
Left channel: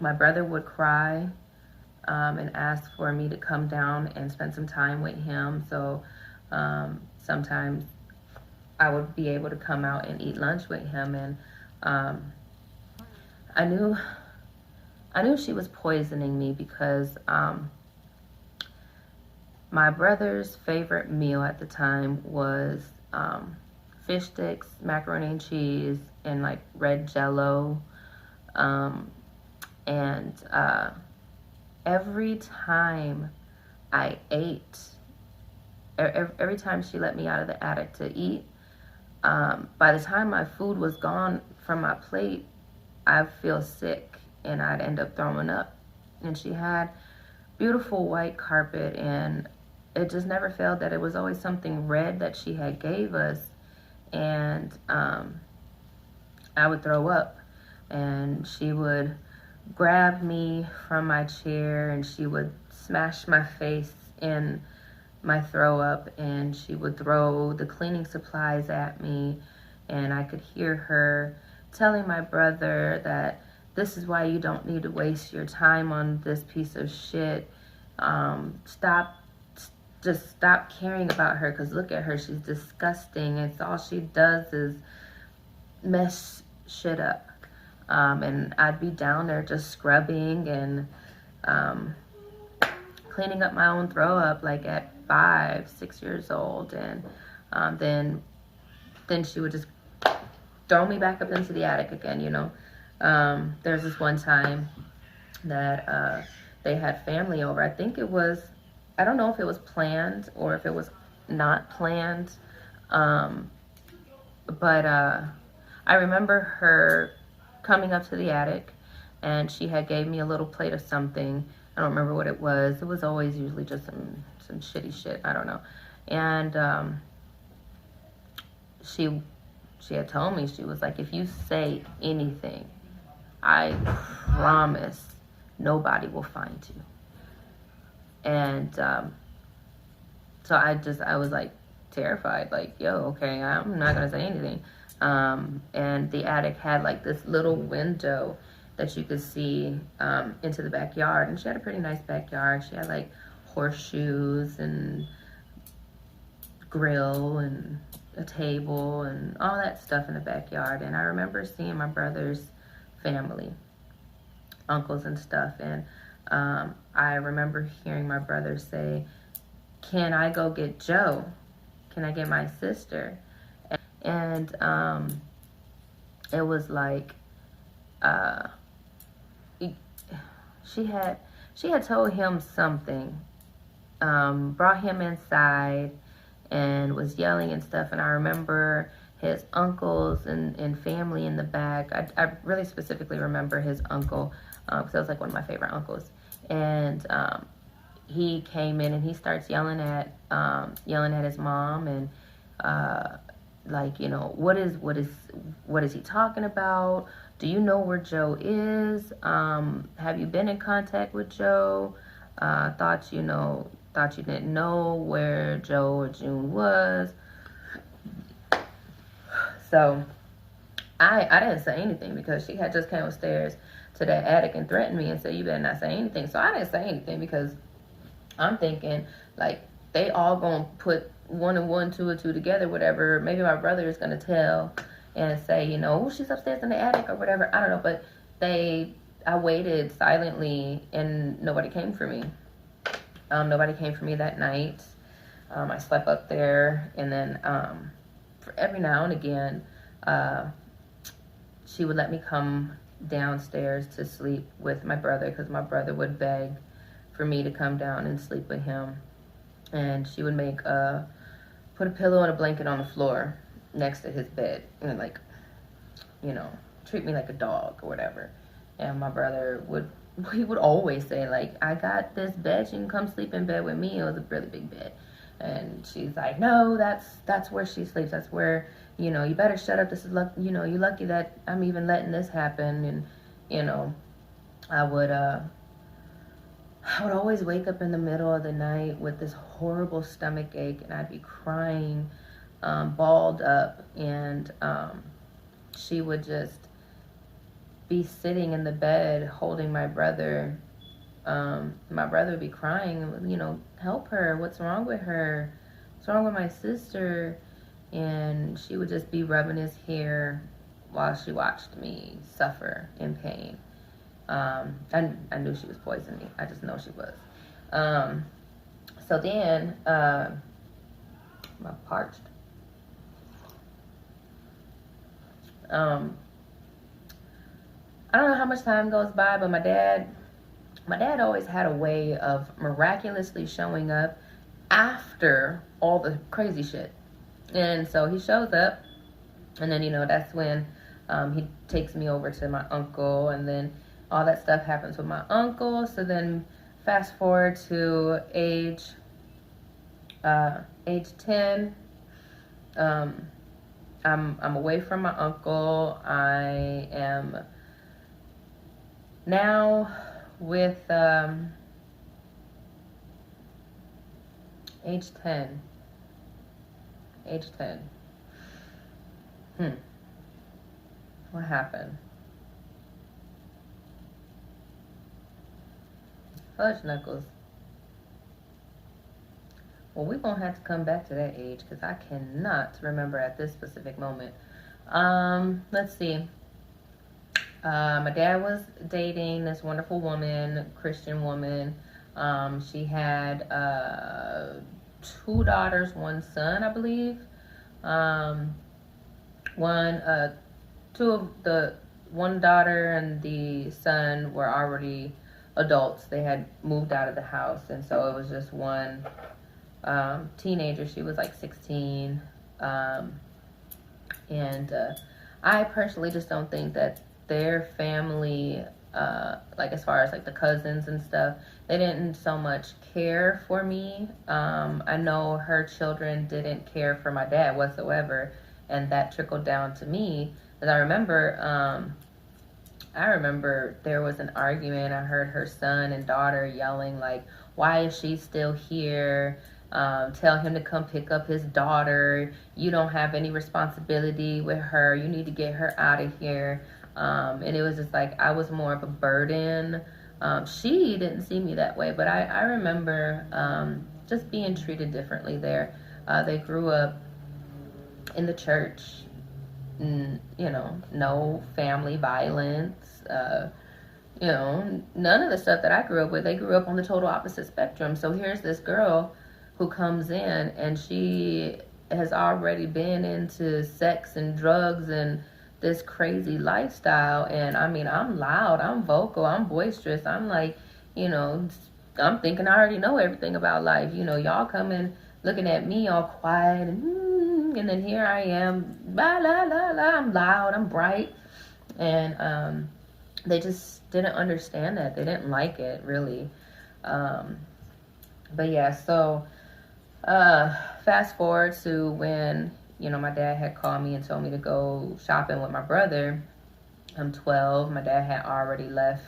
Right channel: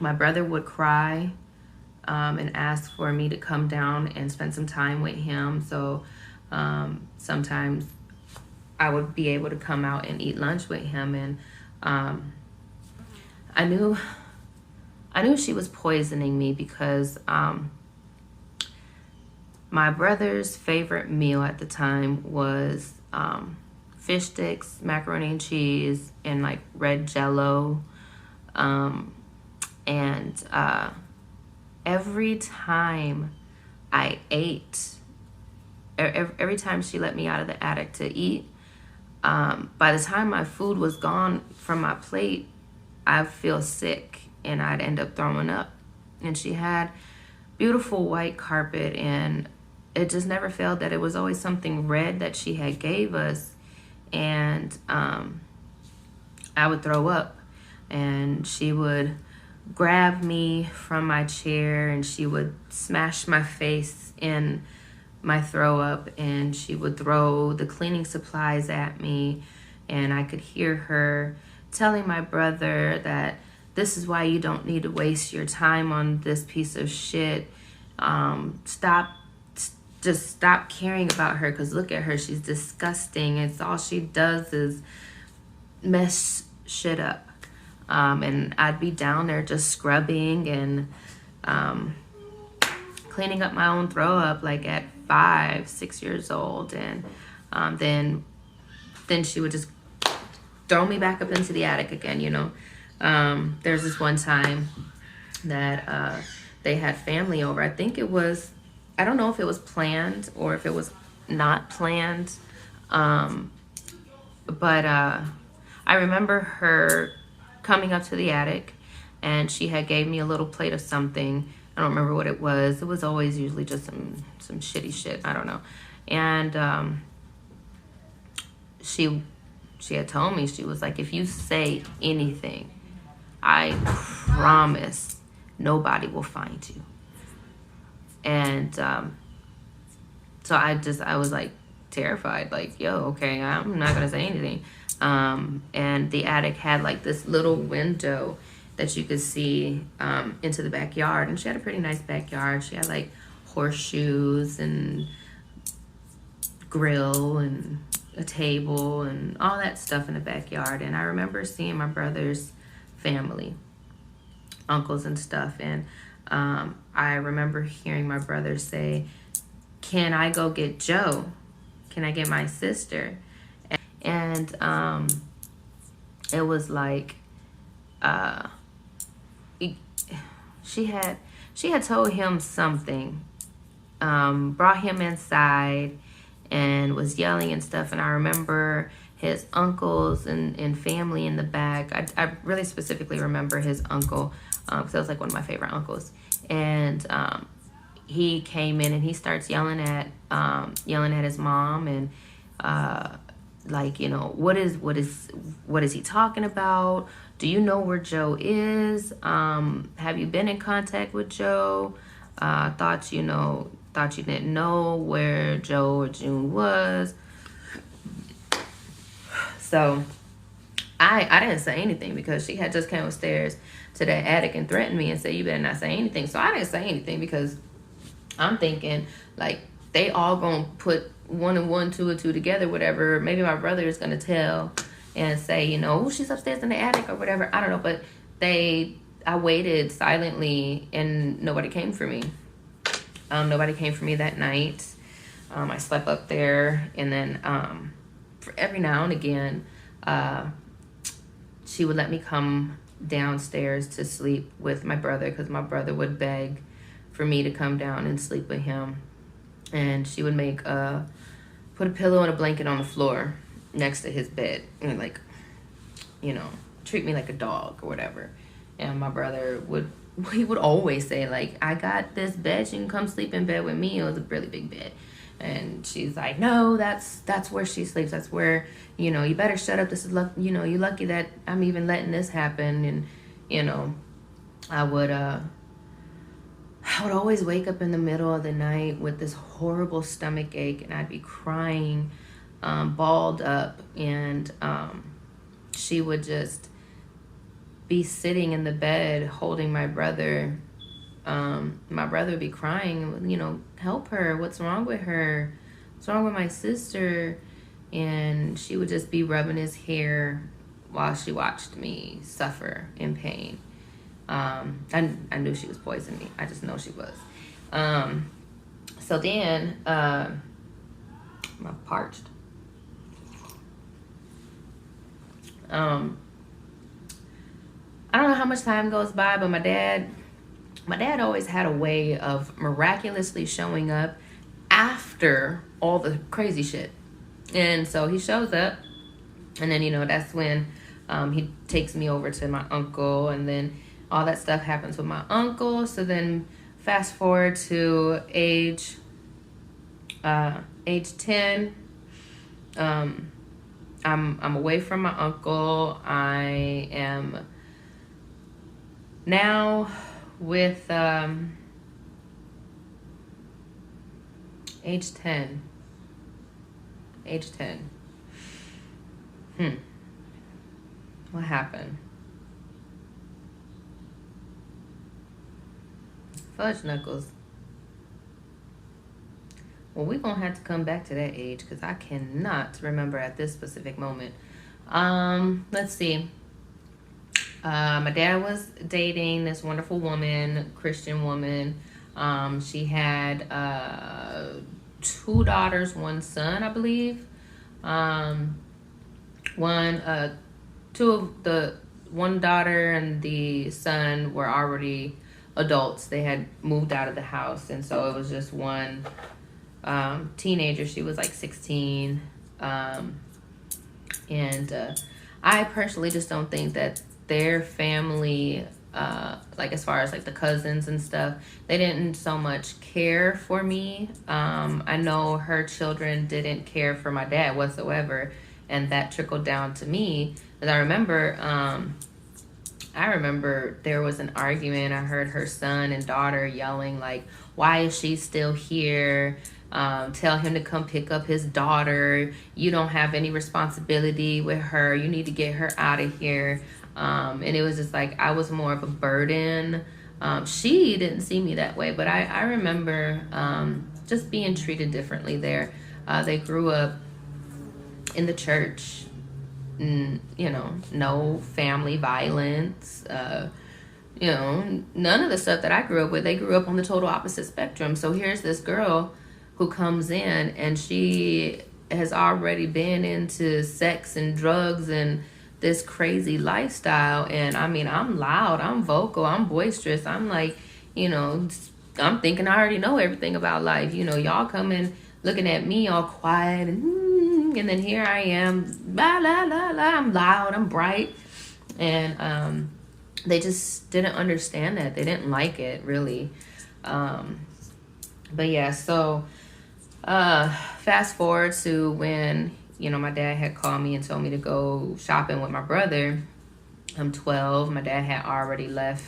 brother would cry and ask for me to come down and spend some time with him. So sometimes I would be able to come out and eat lunch with him. And I knew she was poisoning me because my brother's favorite meal at the time was fish sticks, macaroni and cheese, and like red Jello. And every time I ate, every time she let me out of the attic to eat, by the time my food was gone from my plate, I'd feel sick and I'd end up throwing up. And she had beautiful white carpet, and it just never failed that it was always something red that she had gave us. And I would throw up, and she would grab me from my chair and she would smash my face in my throw up, and she would throw the cleaning supplies at me. And I could hear her telling my brother that this is why you don't need to waste your time on this piece of shit. Just stop caring about her, because look at her, she's disgusting. It's all she does is mess shit up. And I'd be down there just scrubbing and cleaning up my own throw up, like at 5-6 years old. And then she would just throw me back up into the attic again, you know. There's this one time that they had family over. I think it was, I don't know if it was planned or if it was not planned. But I remember her coming up to the attic, and she had gave me a little plate of something. I don't remember what it was. It was always usually just some shitty shit. I don't know. And she had told me, she was like, if you say anything, I promise nobody will find you. And so I was like terrified, like, yo, okay, I'm not gonna say anything. And the attic had like this little window that you could see into the backyard, and she had a pretty nice backyard. She had like horseshoes and grill and a table and all that stuff in the backyard. And I remember seeing my brother's family, uncles and stuff, and I remember hearing my brother say, can I go get Joe? Can I get my sister? And it was like she had told him something, brought him inside and was yelling and stuff. And I remember his uncles and family in the back. I really specifically remember his uncle, because that was like one of my favorite uncles. And he came in and he starts yelling at his mom, and like, you know, what is he talking about? do you know where Joe is? Have you been in contact with Joe? Thought you didn't know where Joe or June was. So I didn't say anything because she had just came upstairs to that attic and threatened me and said, you better not say anything. So I didn't say anything because I'm thinking, like, they all gonna put 1 and 1, 2 and 2 together, whatever. Maybe my brother is gonna tell and say, she's upstairs in the attic or whatever. I don't know, but I waited silently and nobody came for me. Nobody came for me that night. I slept up there, and then for every now and again, she would let me come downstairs to sleep with my brother because my brother would beg for me to come down and sleep with him. And she would put a pillow and a blanket on the floor next to his bed and treat me like a dog or whatever. And my brother would always say, like, I got this bed, you can come sleep in bed with me. It was a really big bed. And she's like, no, that's where she sleeps. That's where, you better shut up. This is you're lucky that I'm even letting this happen. And, I would always wake up in the middle of the night with this horrible stomach ache, and I'd be crying, balled up, and she would just be sitting in the bed holding my brother. My brother would be crying, help her. What's wrong with her? What's wrong with my sister? And she would just be rubbing his hair while she watched me suffer in pain. I knew she was poisoning me. I just know she was. So then, I'm parched. I don't know how much time goes by, but my dad always had a way of miraculously showing up after all the crazy shit. And so he shows up, and then, that's when he takes me over to my uncle, and then all that stuff happens with my uncle. So then fast forward to age 10. I'm away from my uncle. I am now with age 10. What happened? Fudge knuckles. Well, we're gonna have to come back to that age because I cannot remember at this specific moment. Let's see. My dad was dating this wonderful woman, Christian woman. She had 2 daughters, 1 son, I believe. One daughter and the son were already adults. They had moved out of the house, and so it was just one teenager. She was like 16. And I personally just don't think that their family, like as far as like the cousins and stuff, they didn't so much care for me. I know her children didn't care for my dad whatsoever, and that trickled down to me. And I remember there was an argument. I heard her son and daughter yelling like, why is she still here? Tell him to come pick up his daughter. You don't have any responsibility with her. You need to get her out of here. And it was just like, I was more of a burden. She didn't see me that way, but I remember just being treated differently there. They grew up in the church, no family violence, none of the stuff that I grew up with. They grew up on the total opposite spectrum. So here's this girl who comes in, and she has already been into sex and drugs and this crazy lifestyle. And I mean, I'm loud, I'm vocal, I'm boisterous. I'm like, I'm thinking I already know everything about life. Y'all coming looking at me all quiet, and then here I am, la la la la. I'm loud, I'm bright, and they just didn't understand that. They didn't like it really. But yeah, so fast forward to when my dad had called me and told me to go shopping with my brother. I'm 12. My dad had already left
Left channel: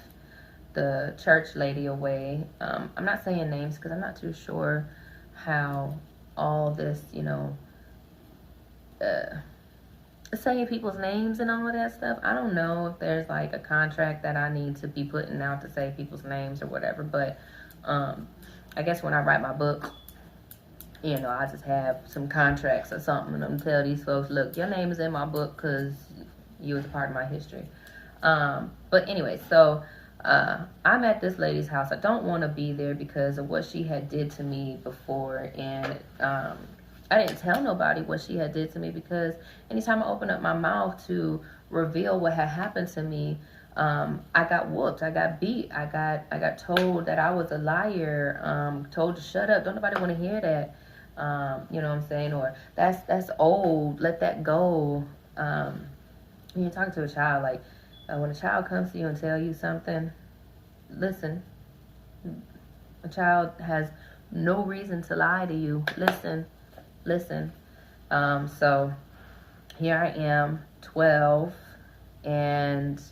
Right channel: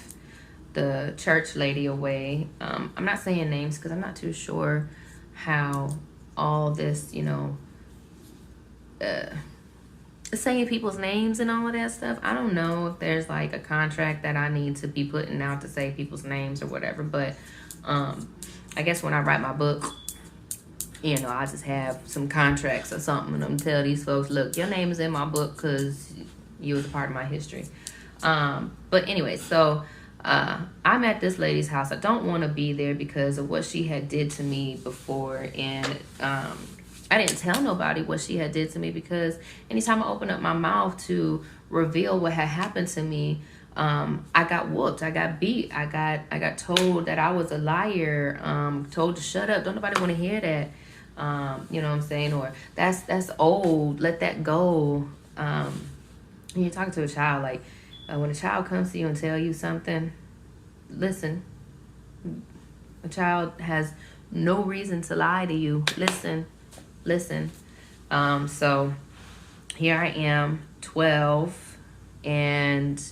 the church lady away. I'm not saying names because I'm not too sure how all this, you know, saying people's names and all of that stuff. I don't know if there's like a contract that I need to be putting out to say people's names or whatever, but I guess when I write my book, you know, I just have some contracts or something, and I'm tell these folks, look, your name is in my book because you was a part of my history. But anyway, so I'm at this lady's house. I don't want to be there because of what she had did to me before, and I didn't tell nobody what she had did to me because anytime I opened up my mouth to reveal what had happened to me, I got whooped, I got beat, I got told that I was a liar, told to shut up, don't nobody want to hear that. You know what I'm saying? Or that's old, let that go. When you're talking to a child, like when a child comes to you and tell you something, listen. A child has no reason to lie to you. Listen. So here I am, 12, and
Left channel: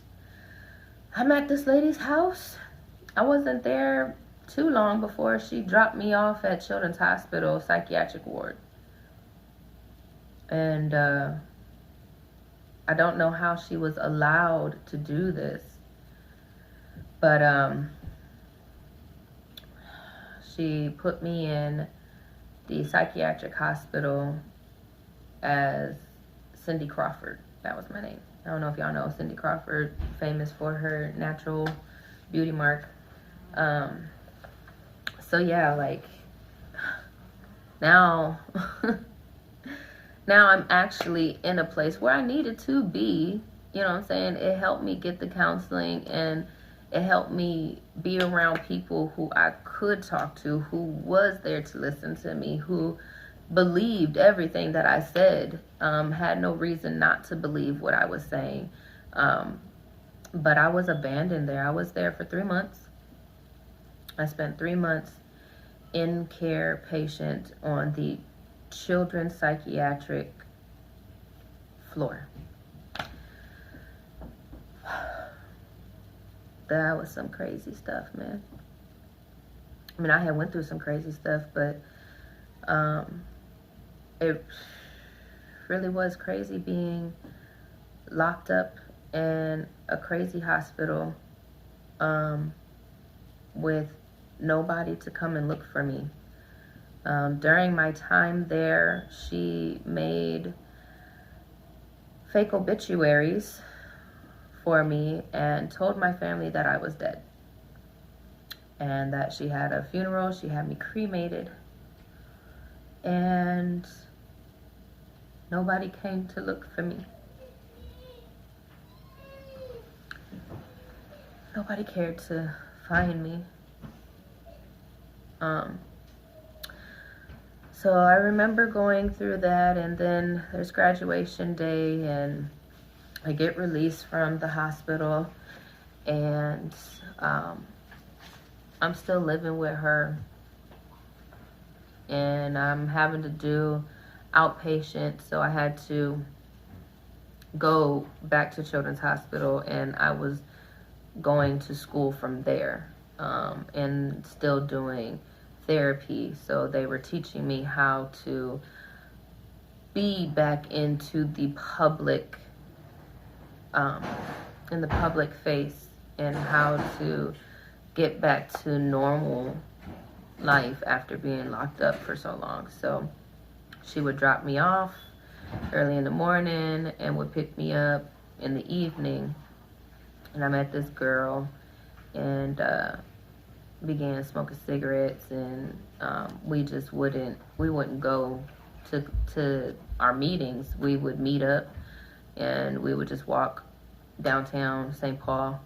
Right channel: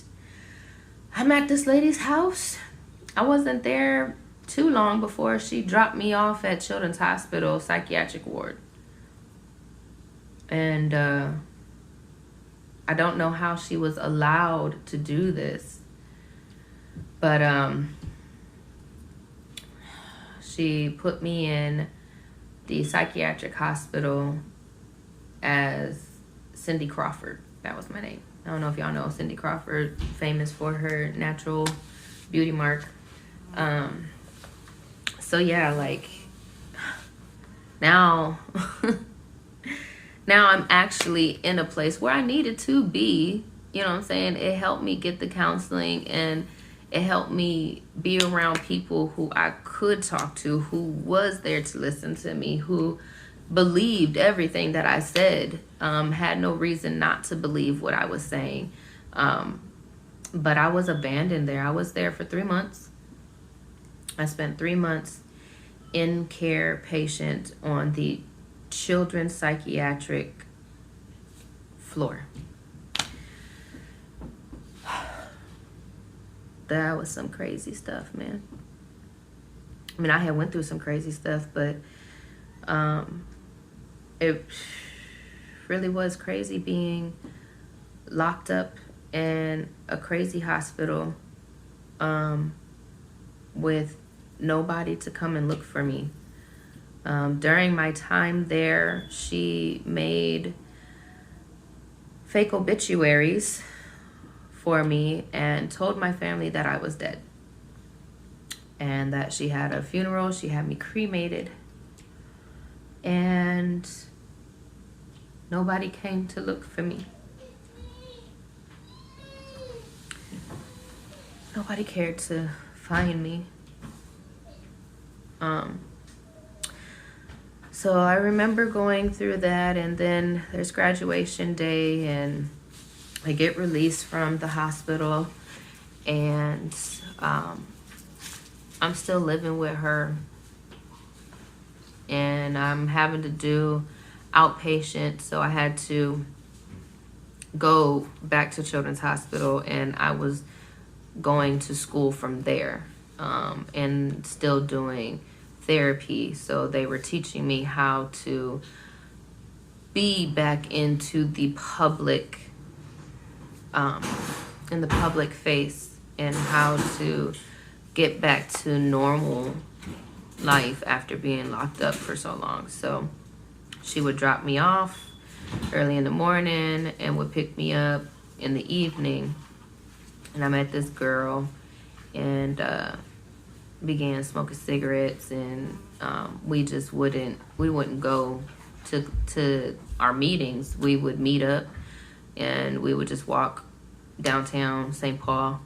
I'm at this lady's house. I wasn't there too long before she dropped me off at Children's Hospital psychiatric ward. And I don't know how she was allowed to do this, but she put me in the psychiatric hospital as Cindy Crawford. That was my name. I don't know if y'all know Cindy Crawford, famous for her natural beauty mark. So yeah, like now now I'm actually in a place where I needed to be. You know what I'm saying? It helped me get the counseling, and it helped me be around people who I could talk to, who was there to listen to me, who believed everything that I said, had no reason not to believe what I was saying. But I was abandoned there. I was there for 3 months. I spent 3 months in care patient on the children's psychiatric floor. That was some crazy stuff, man. I mean, I had went through some crazy stuff, but it really was crazy being locked up in a crazy hospital with nobody to come and look for me. During my time there, she made fake obituaries for me and told my family that I was dead and that she had a funeral. She had me cremated, and nobody came to look for me. Nobody cared to find me. So I remember going through that, and then there's graduation day, and I get released from the hospital, and I'm still living with her, and I'm having to do outpatient, so I had to go back to Children's Hospital, and I was going to school from there, and still doing therapy. So they were teaching me how to be back into the public, in the public face, and how to get back to normal life after being locked up for so long. So she would drop me off early in the morning and would pick me up in the evening. And I met this girl and began smoking cigarettes, and we wouldn't go to our meetings. We would meet up and we would just walk downtown St. Paul.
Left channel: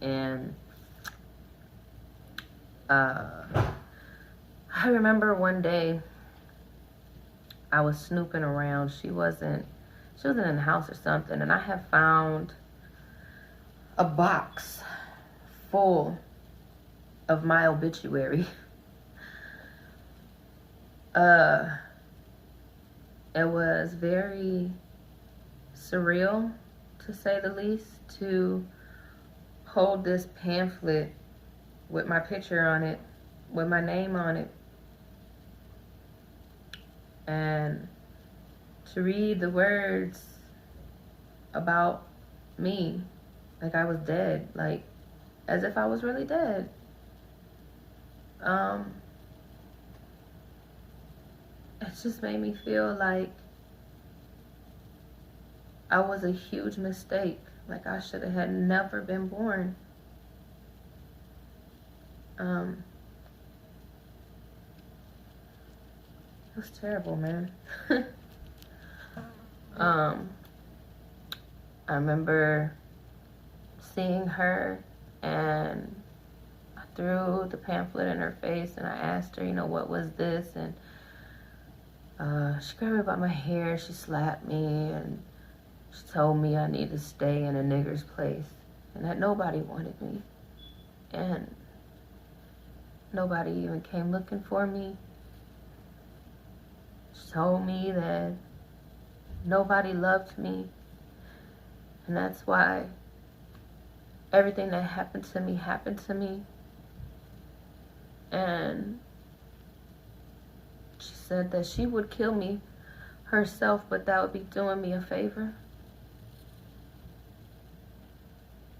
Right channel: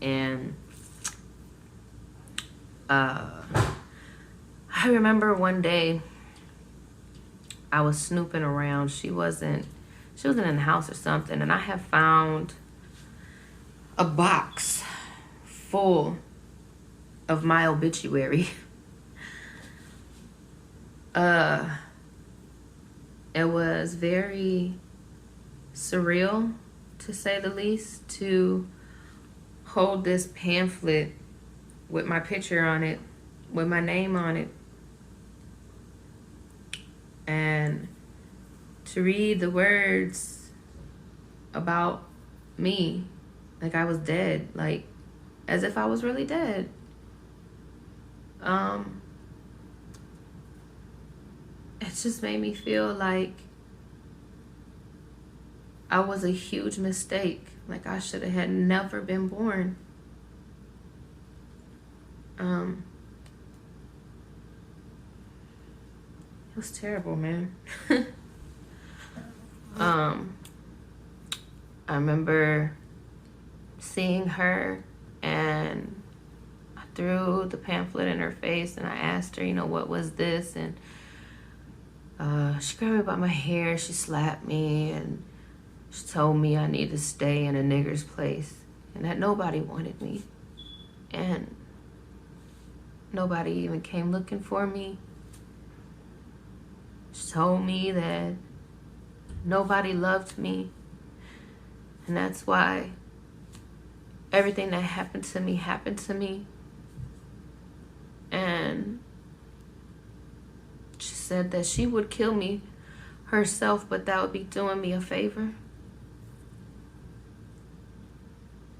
And I remember one day I was snooping around. She wasn't in the house or something, and I had found a box full of my obituary. It was very surreal, to say the least, to hold this pamphlet with my picture on it, with my name on it, and to read the words about me like I was dead, like as if I was really dead. It just made me feel like I was a huge mistake. Like I should have had never been born. It was terrible, man. I remember seeing her, and I threw the pamphlet in her face, and I asked her, you know, what was this? And she grabbed me by my hair, she slapped me, and she told me I need to stay in a nigger's place, and that nobody wanted me, and nobody even came looking for me. She told me that nobody loved me, and that's why everything that happened to me. And she said that she would kill me herself, but that would be doing me a favor.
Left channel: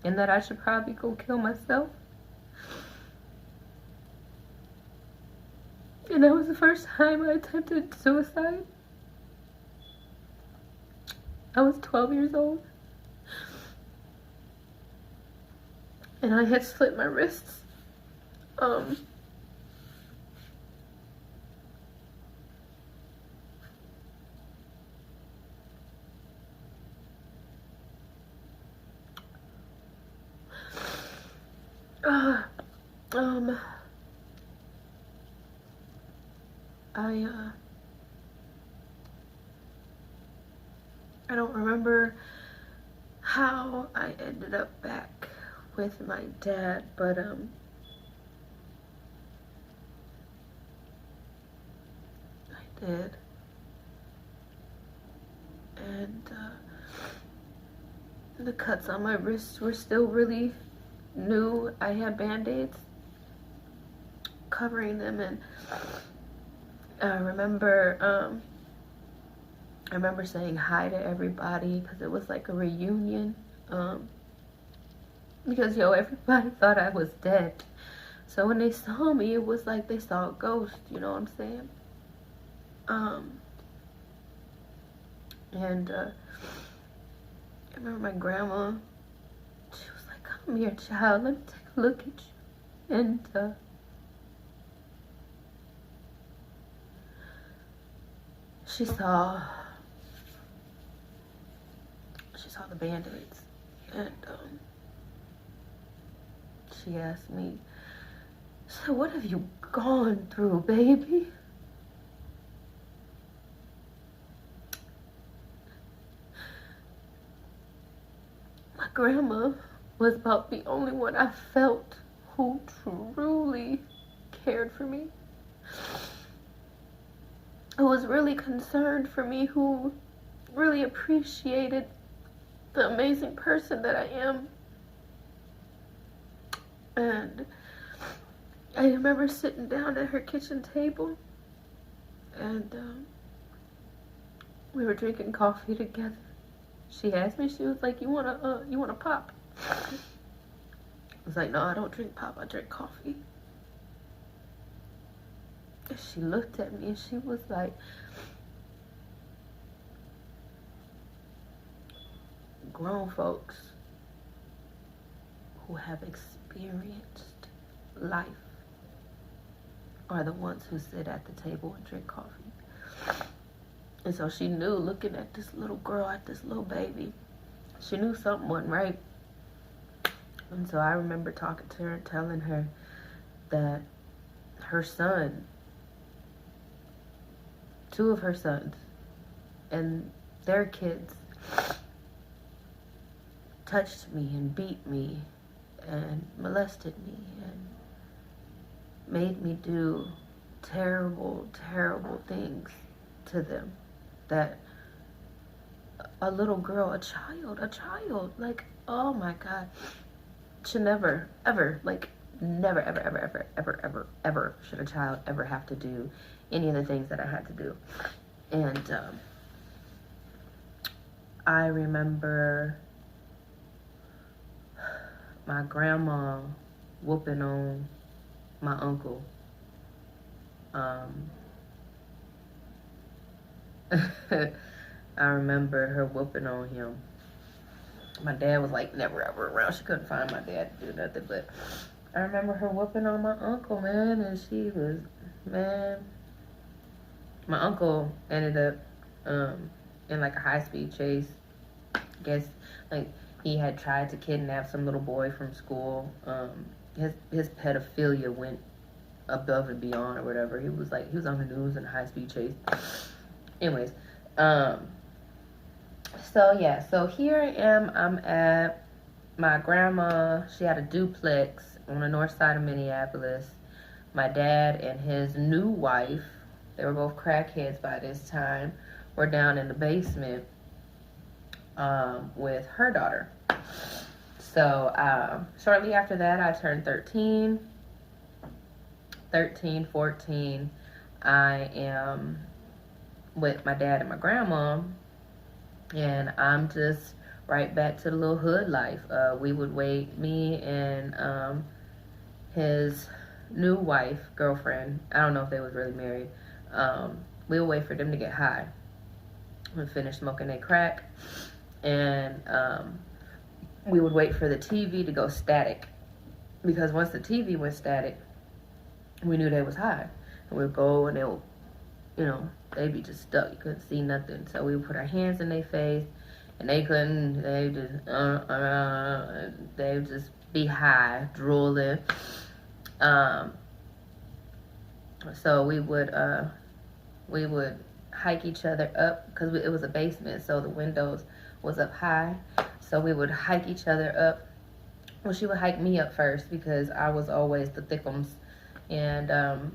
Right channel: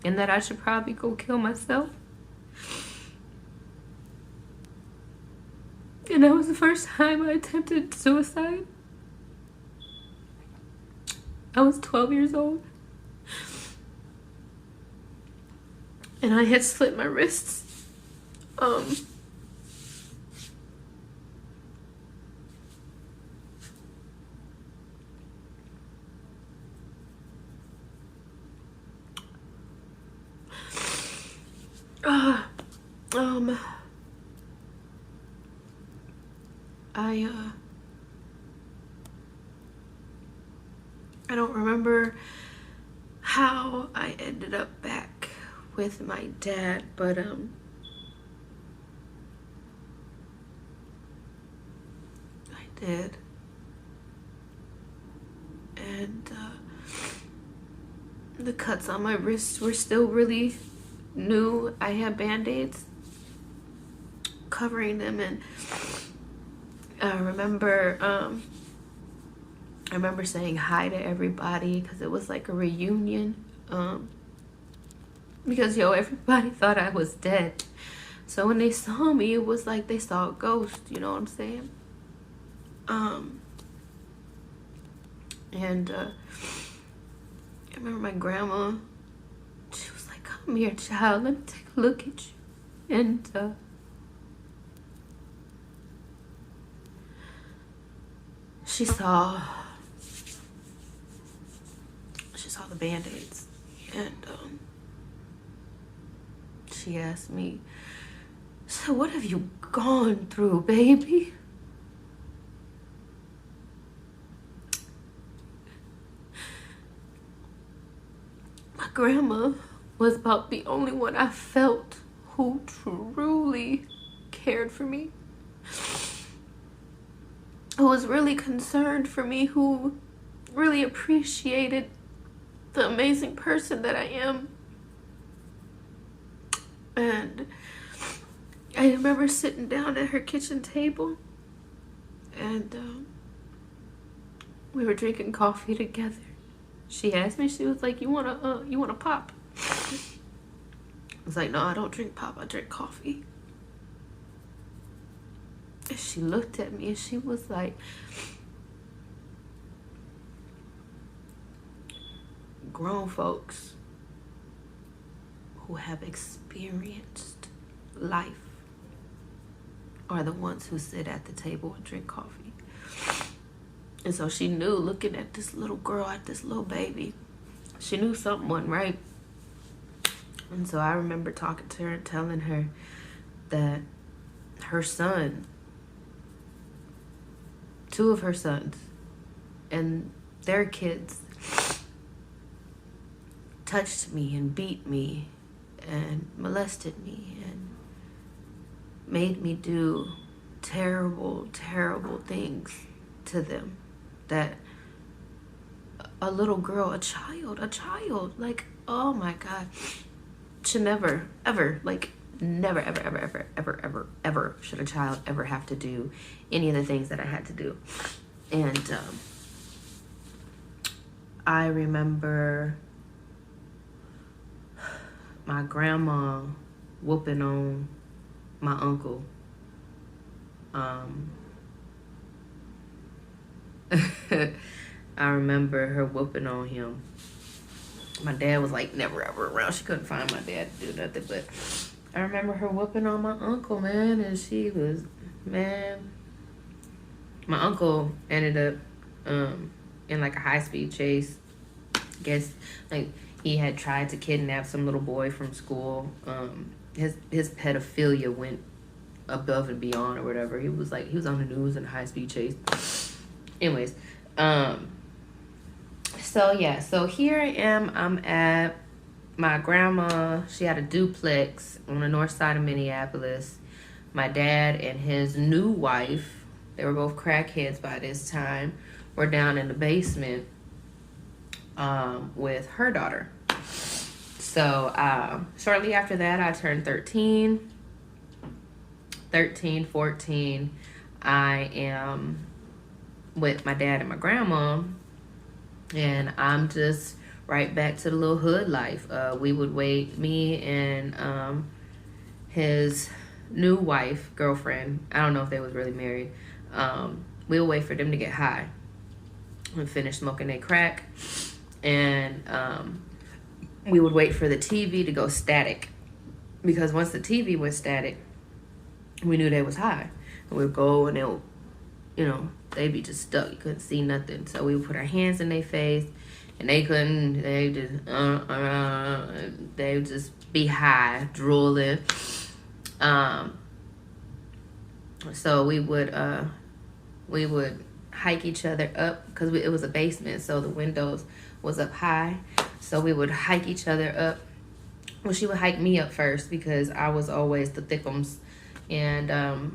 And that I should probably go kill myself. And that was the first time I attempted suicide. I was 12 years old. And I had slit my wrists. I don't remember how I ended up back with my dad, but I did. And the cuts on my wrists were still really new. I had band-aids covering them, and I remember saying hi to everybody because it was like a reunion. Because everybody thought I was dead. So when they saw me, it was like they saw a ghost, you know what I'm saying? And I remember my grandma, she was like, "Come here, child, let me take a look at you." And she saw the band-aids, and she asked me, "So what have you gone through, baby?" My grandma was about the only one I felt who truly cared for me, who was really concerned for me, who really appreciated the amazing person that I am. And I remember sitting down at her kitchen table, and we were drinking coffee together. She asked me, she was like, you want a pop?" I was like, "No, I don't drink pop, I drink coffee." And she looked at me and she was like, "Grown folks who have experienced life are the ones who sit at the table and drink coffee." And so she knew, looking at this little girl, at this little baby, she knew something wasn't right. And so I remember talking to her and telling her that her son, two of her sons, and their kids touched me and beat me and molested me and made me do terrible, terrible things to them that a little girl, a child, like, oh my God, should never, ever, like, never, ever, ever, ever, ever, ever, ever should a child ever have to do any of the things that I had to do. And I remember my grandma whooping on my uncle. I remember her whooping on him. My dad was like never ever around. She couldn't find my dad to do nothing, but I remember her whooping on my uncle, man, and she was, man. My uncle ended up in like a high-speed chase. Guess like he had tried to kidnap some little boy from school. His pedophilia went above and beyond or whatever. He was on the news in a high-speed chase. Anyways, so here I am. I'm at my grandma. She had a duplex on the north side of Minneapolis. My dad and his new wife, they were both crackheads by this time, were down in the basement with her daughter. So shortly after that, I turned 14. I am with my dad and my grandma, and I'm just right back to the little hood life. We would wait, me and his new wife, girlfriend, I don't know if they was really married, we would wait for them to get high and finish smoking their crack, and we would wait for the TV to go static, because once the TV went static, we knew they was high. And we'd go and they'll, they'd be just stuck. You couldn't see nothing. So we would put our hands in their face, and they couldn't. They just they would just be high, drooling. So we would hike each other up, because it was a basement, so the windows was up high. So we would hike each other up. Well, she would hike me up first because I was always the thickums. And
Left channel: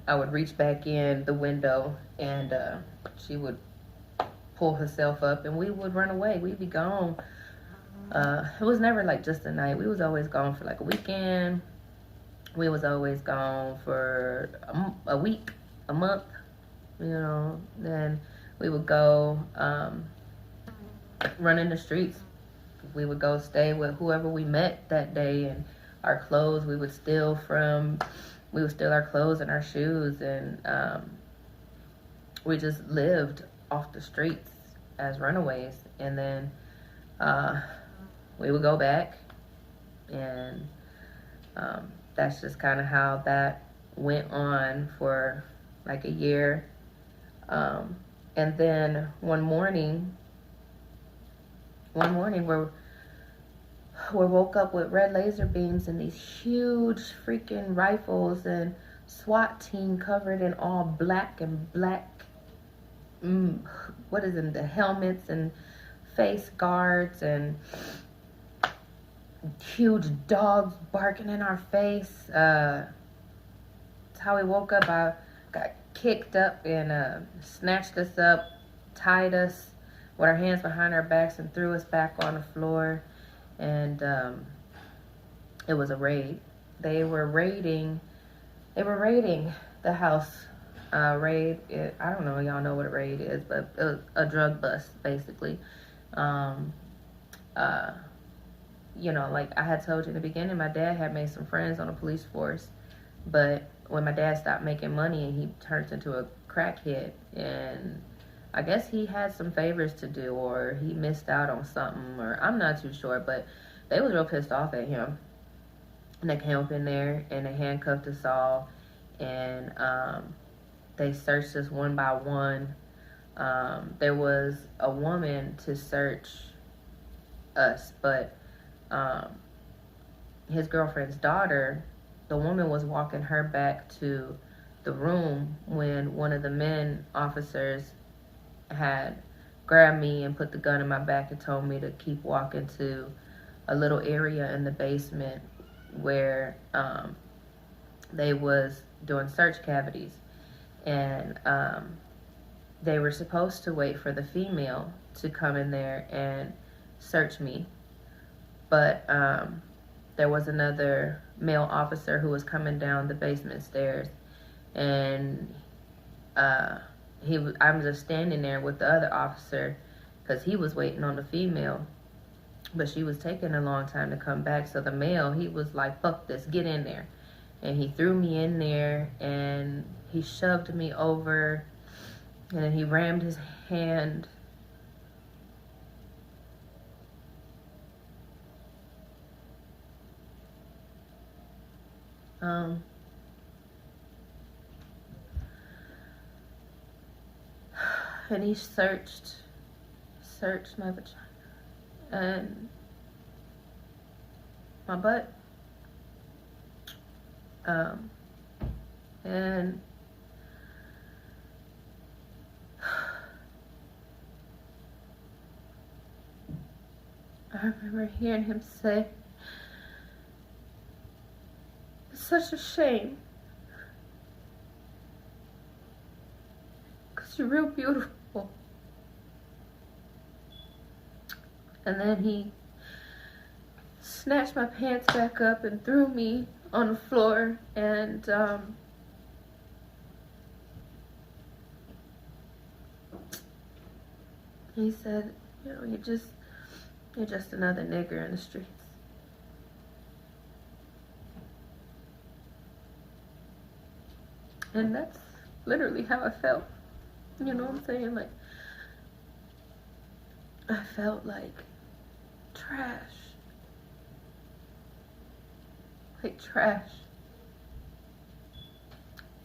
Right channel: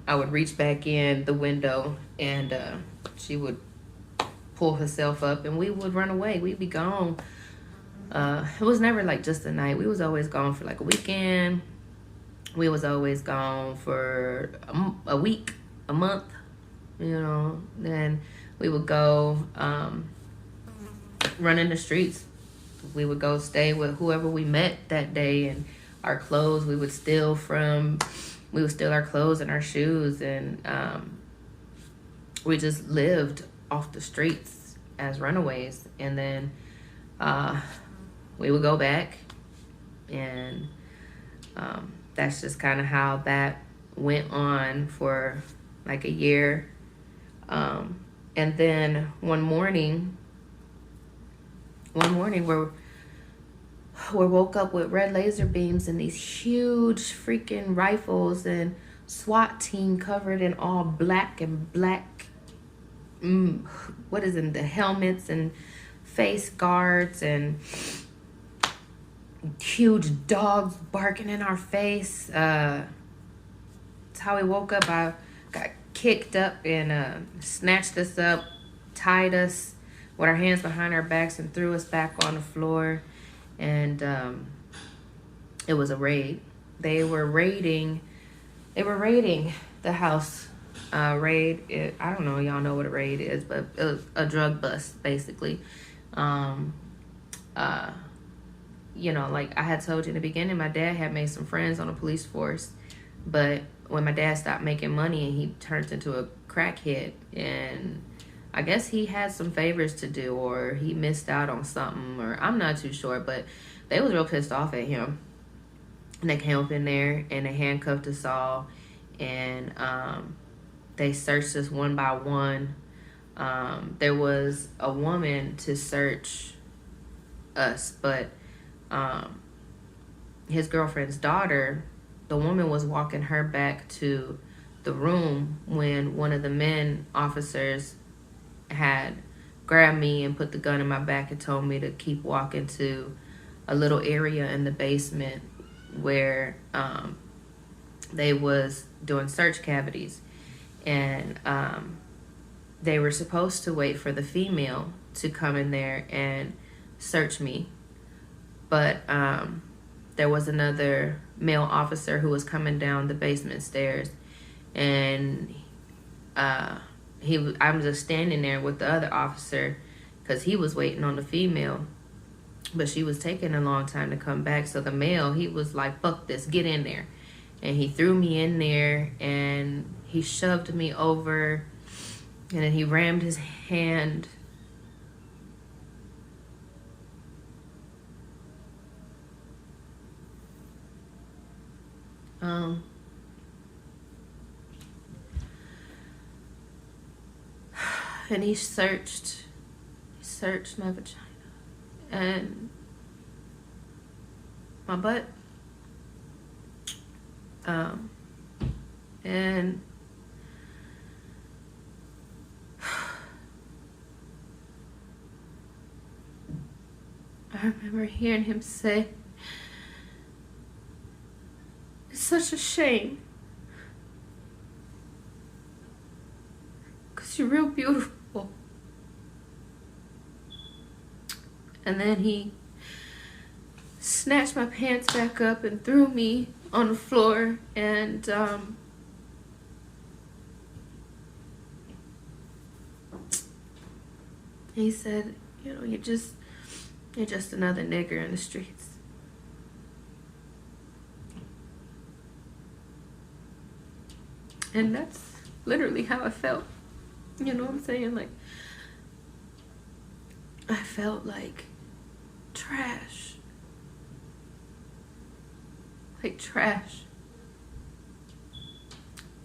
I would reach back in the window, and she would pull herself up, and we would run away. We'd be gone. It was never like just a night. We was always gone for like a weekend. We was always gone for a week, a month, Then we would go run in the streets. We would go stay with whoever we met that day, and our clothes we would steal from. We would steal our clothes and our shoes, and we just lived off the streets as runaways. And then we would go back, and that's just kind of how that went on for like a year. And then one morning we woke up with red laser beams and these huge freaking rifles and SWAT team covered in all black, the helmets and face guards, and huge dogs barking in our face. That's how we woke up. I got kicked up and snatched us up, tied us with our hands behind our backs, and threw us back on the floor. And it was a raid. They were raiding the house. Raid. I don't know. Y'all know what a raid is, but it was a drug bust, basically. Like I had told you in the beginning, my dad had made some friends on the police force, but when my dad stopped making money, he turned into a crackhead, and I guess he had some favors to do, or he missed out on something, or I'm not too sure, but they was real pissed off at him. And they came up in there and they handcuffed us all, and they searched us one by one. There was a woman to search us, but his girlfriend's daughter, the woman was walking her back to the room when one of the men officers had grabbed me and put the gun in my back and told me to keep walking to a little area in the basement where they was doing search cavities. And they were supposed to wait for the female to come in there and search me, but there was another male officer who was coming down the basement stairs, and I'm just standing there with the other officer because he was waiting on the female, but she was taking a long time to come back. So the male, he was like, fuck this, get in there. And he threw me in there, and he shoved me over, and then he rammed his hand and he searched my vagina and my butt, and I remember hearing him say, "It's such a shame, 'cause you're real beautiful." And then he snatched my pants back up and threw me on the floor, and he said, "You know, you're just another nigger in the streets." And that's literally how I felt. You know what I'm saying? Like, I felt like trash. Like trash.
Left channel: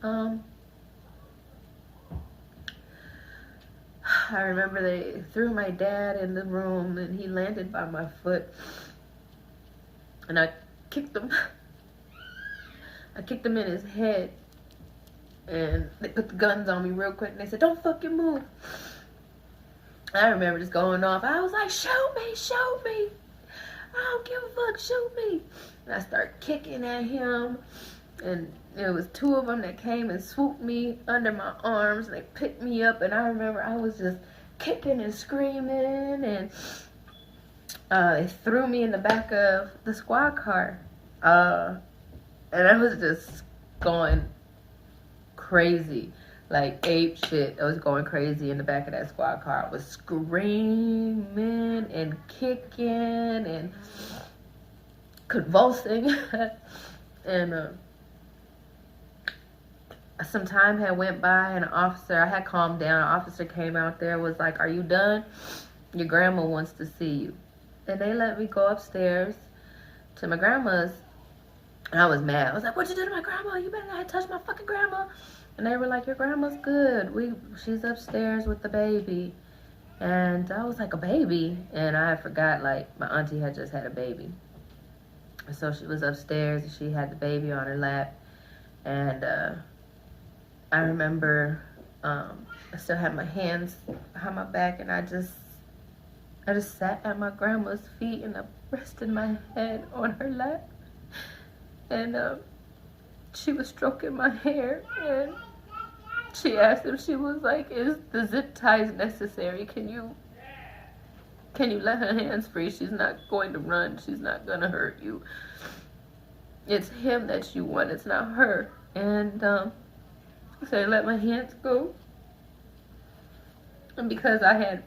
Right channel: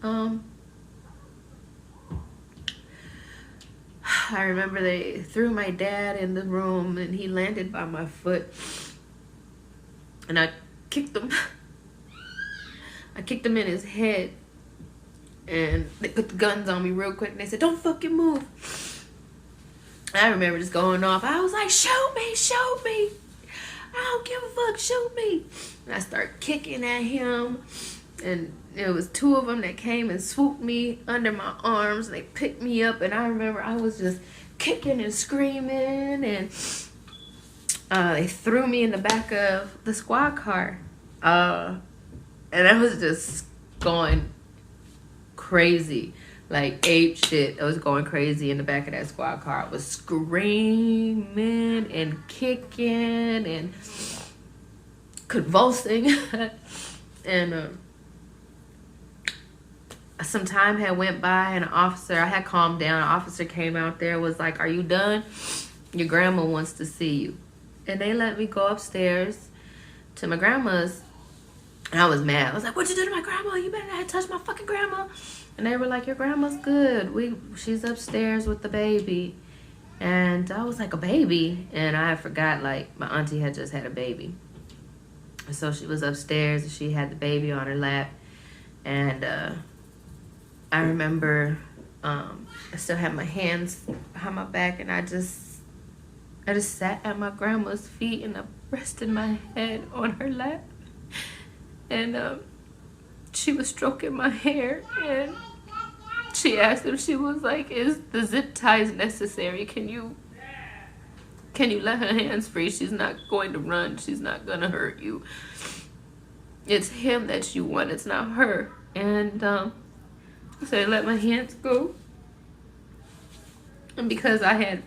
I remember they threw my dad in the room, and he landed by my foot, and I kicked him. I kicked him in his head, and they put the guns on me real quick, and they said, "Don't fucking move." I remember just going off. I was like, "Shoot me, shoot me. I don't give a fuck, shoot me." And I started kicking at him, and it was two of them that came and swooped me under my arms, and they picked me up, and I remember I was just kicking and screaming, and they threw me in the back of the squad car, and I was just going crazy, like ape shit. I was going crazy in the back of that squad car. I was screaming and kicking and convulsing. And some time had went by, and I had calmed down. An officer came out there, was like, "Are you done? Your grandma wants to see you." And they let me go upstairs to my grandma's, and I was mad. I was like, "What you do to my grandma? You better not touch my fucking grandma." And they were like, "Your grandma's good. She's upstairs with the baby." And I was like, "A baby?" And I forgot, like, my auntie had just had a baby. So she was upstairs, and she had the baby on her lap. And I remember I still had my hands behind my back, and I just sat at my grandma's feet, and I rested my head on her lap. And she was stroking my hair, and she asked him, she was like, "Is the zip ties necessary? Can you let her hands free? She's not going to run. She's not going to hurt you. It's him that you want. It's not her." And so I let my hands go. And because I had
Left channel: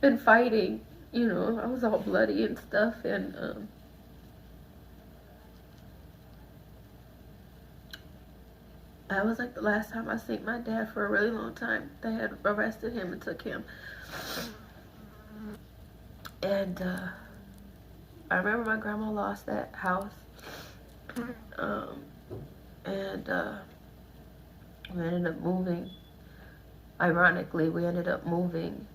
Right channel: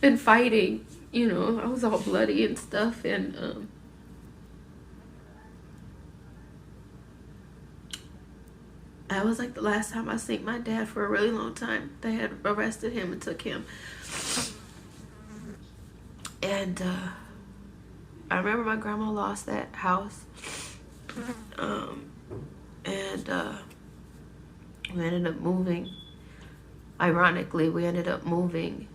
been fighting, you know, I was all bloody and stuff. And that was like the last time I seen my dad for a really long time. They had arrested him and took him. And I remember my grandma lost that house. And we ended up moving. Ironically, we ended up moving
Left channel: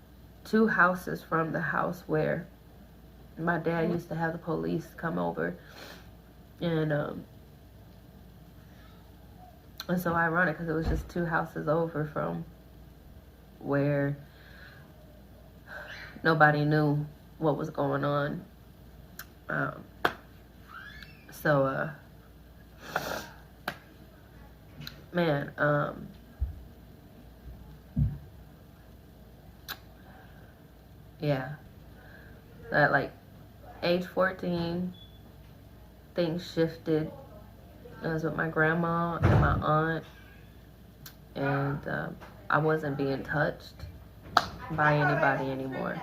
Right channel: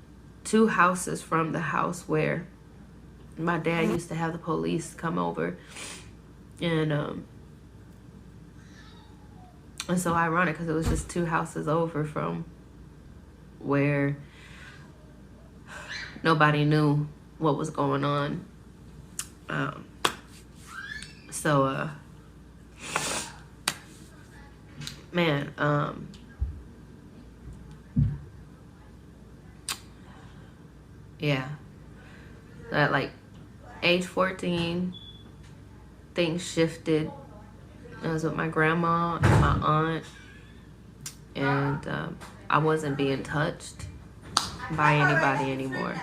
2 houses from the house where my dad used to have the police come over. And so ironic, because it was just 2 houses over from where nobody knew what was going on. Man, yeah, at like age 14, things shifted. I was with my grandma and my aunt, and I wasn't being touched by anybody anymore.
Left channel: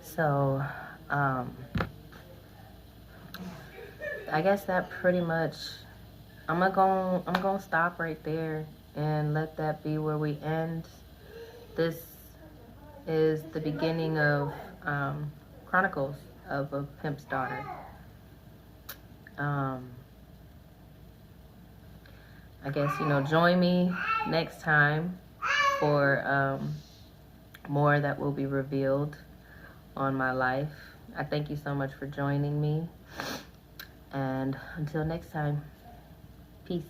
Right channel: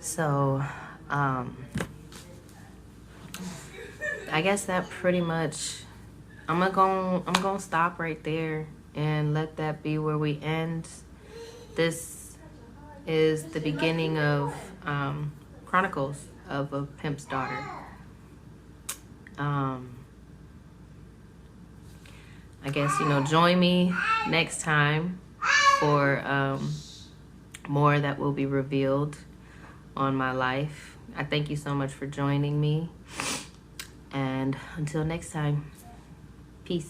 So I guess that pretty much, I'm gonna stop right there and let that be where we end. This is the beginning of Chronicles of a Pimp's Daughter. I guess, join me next time for more that will be revealed on my life. I thank you so much for joining me. And until next time, peace.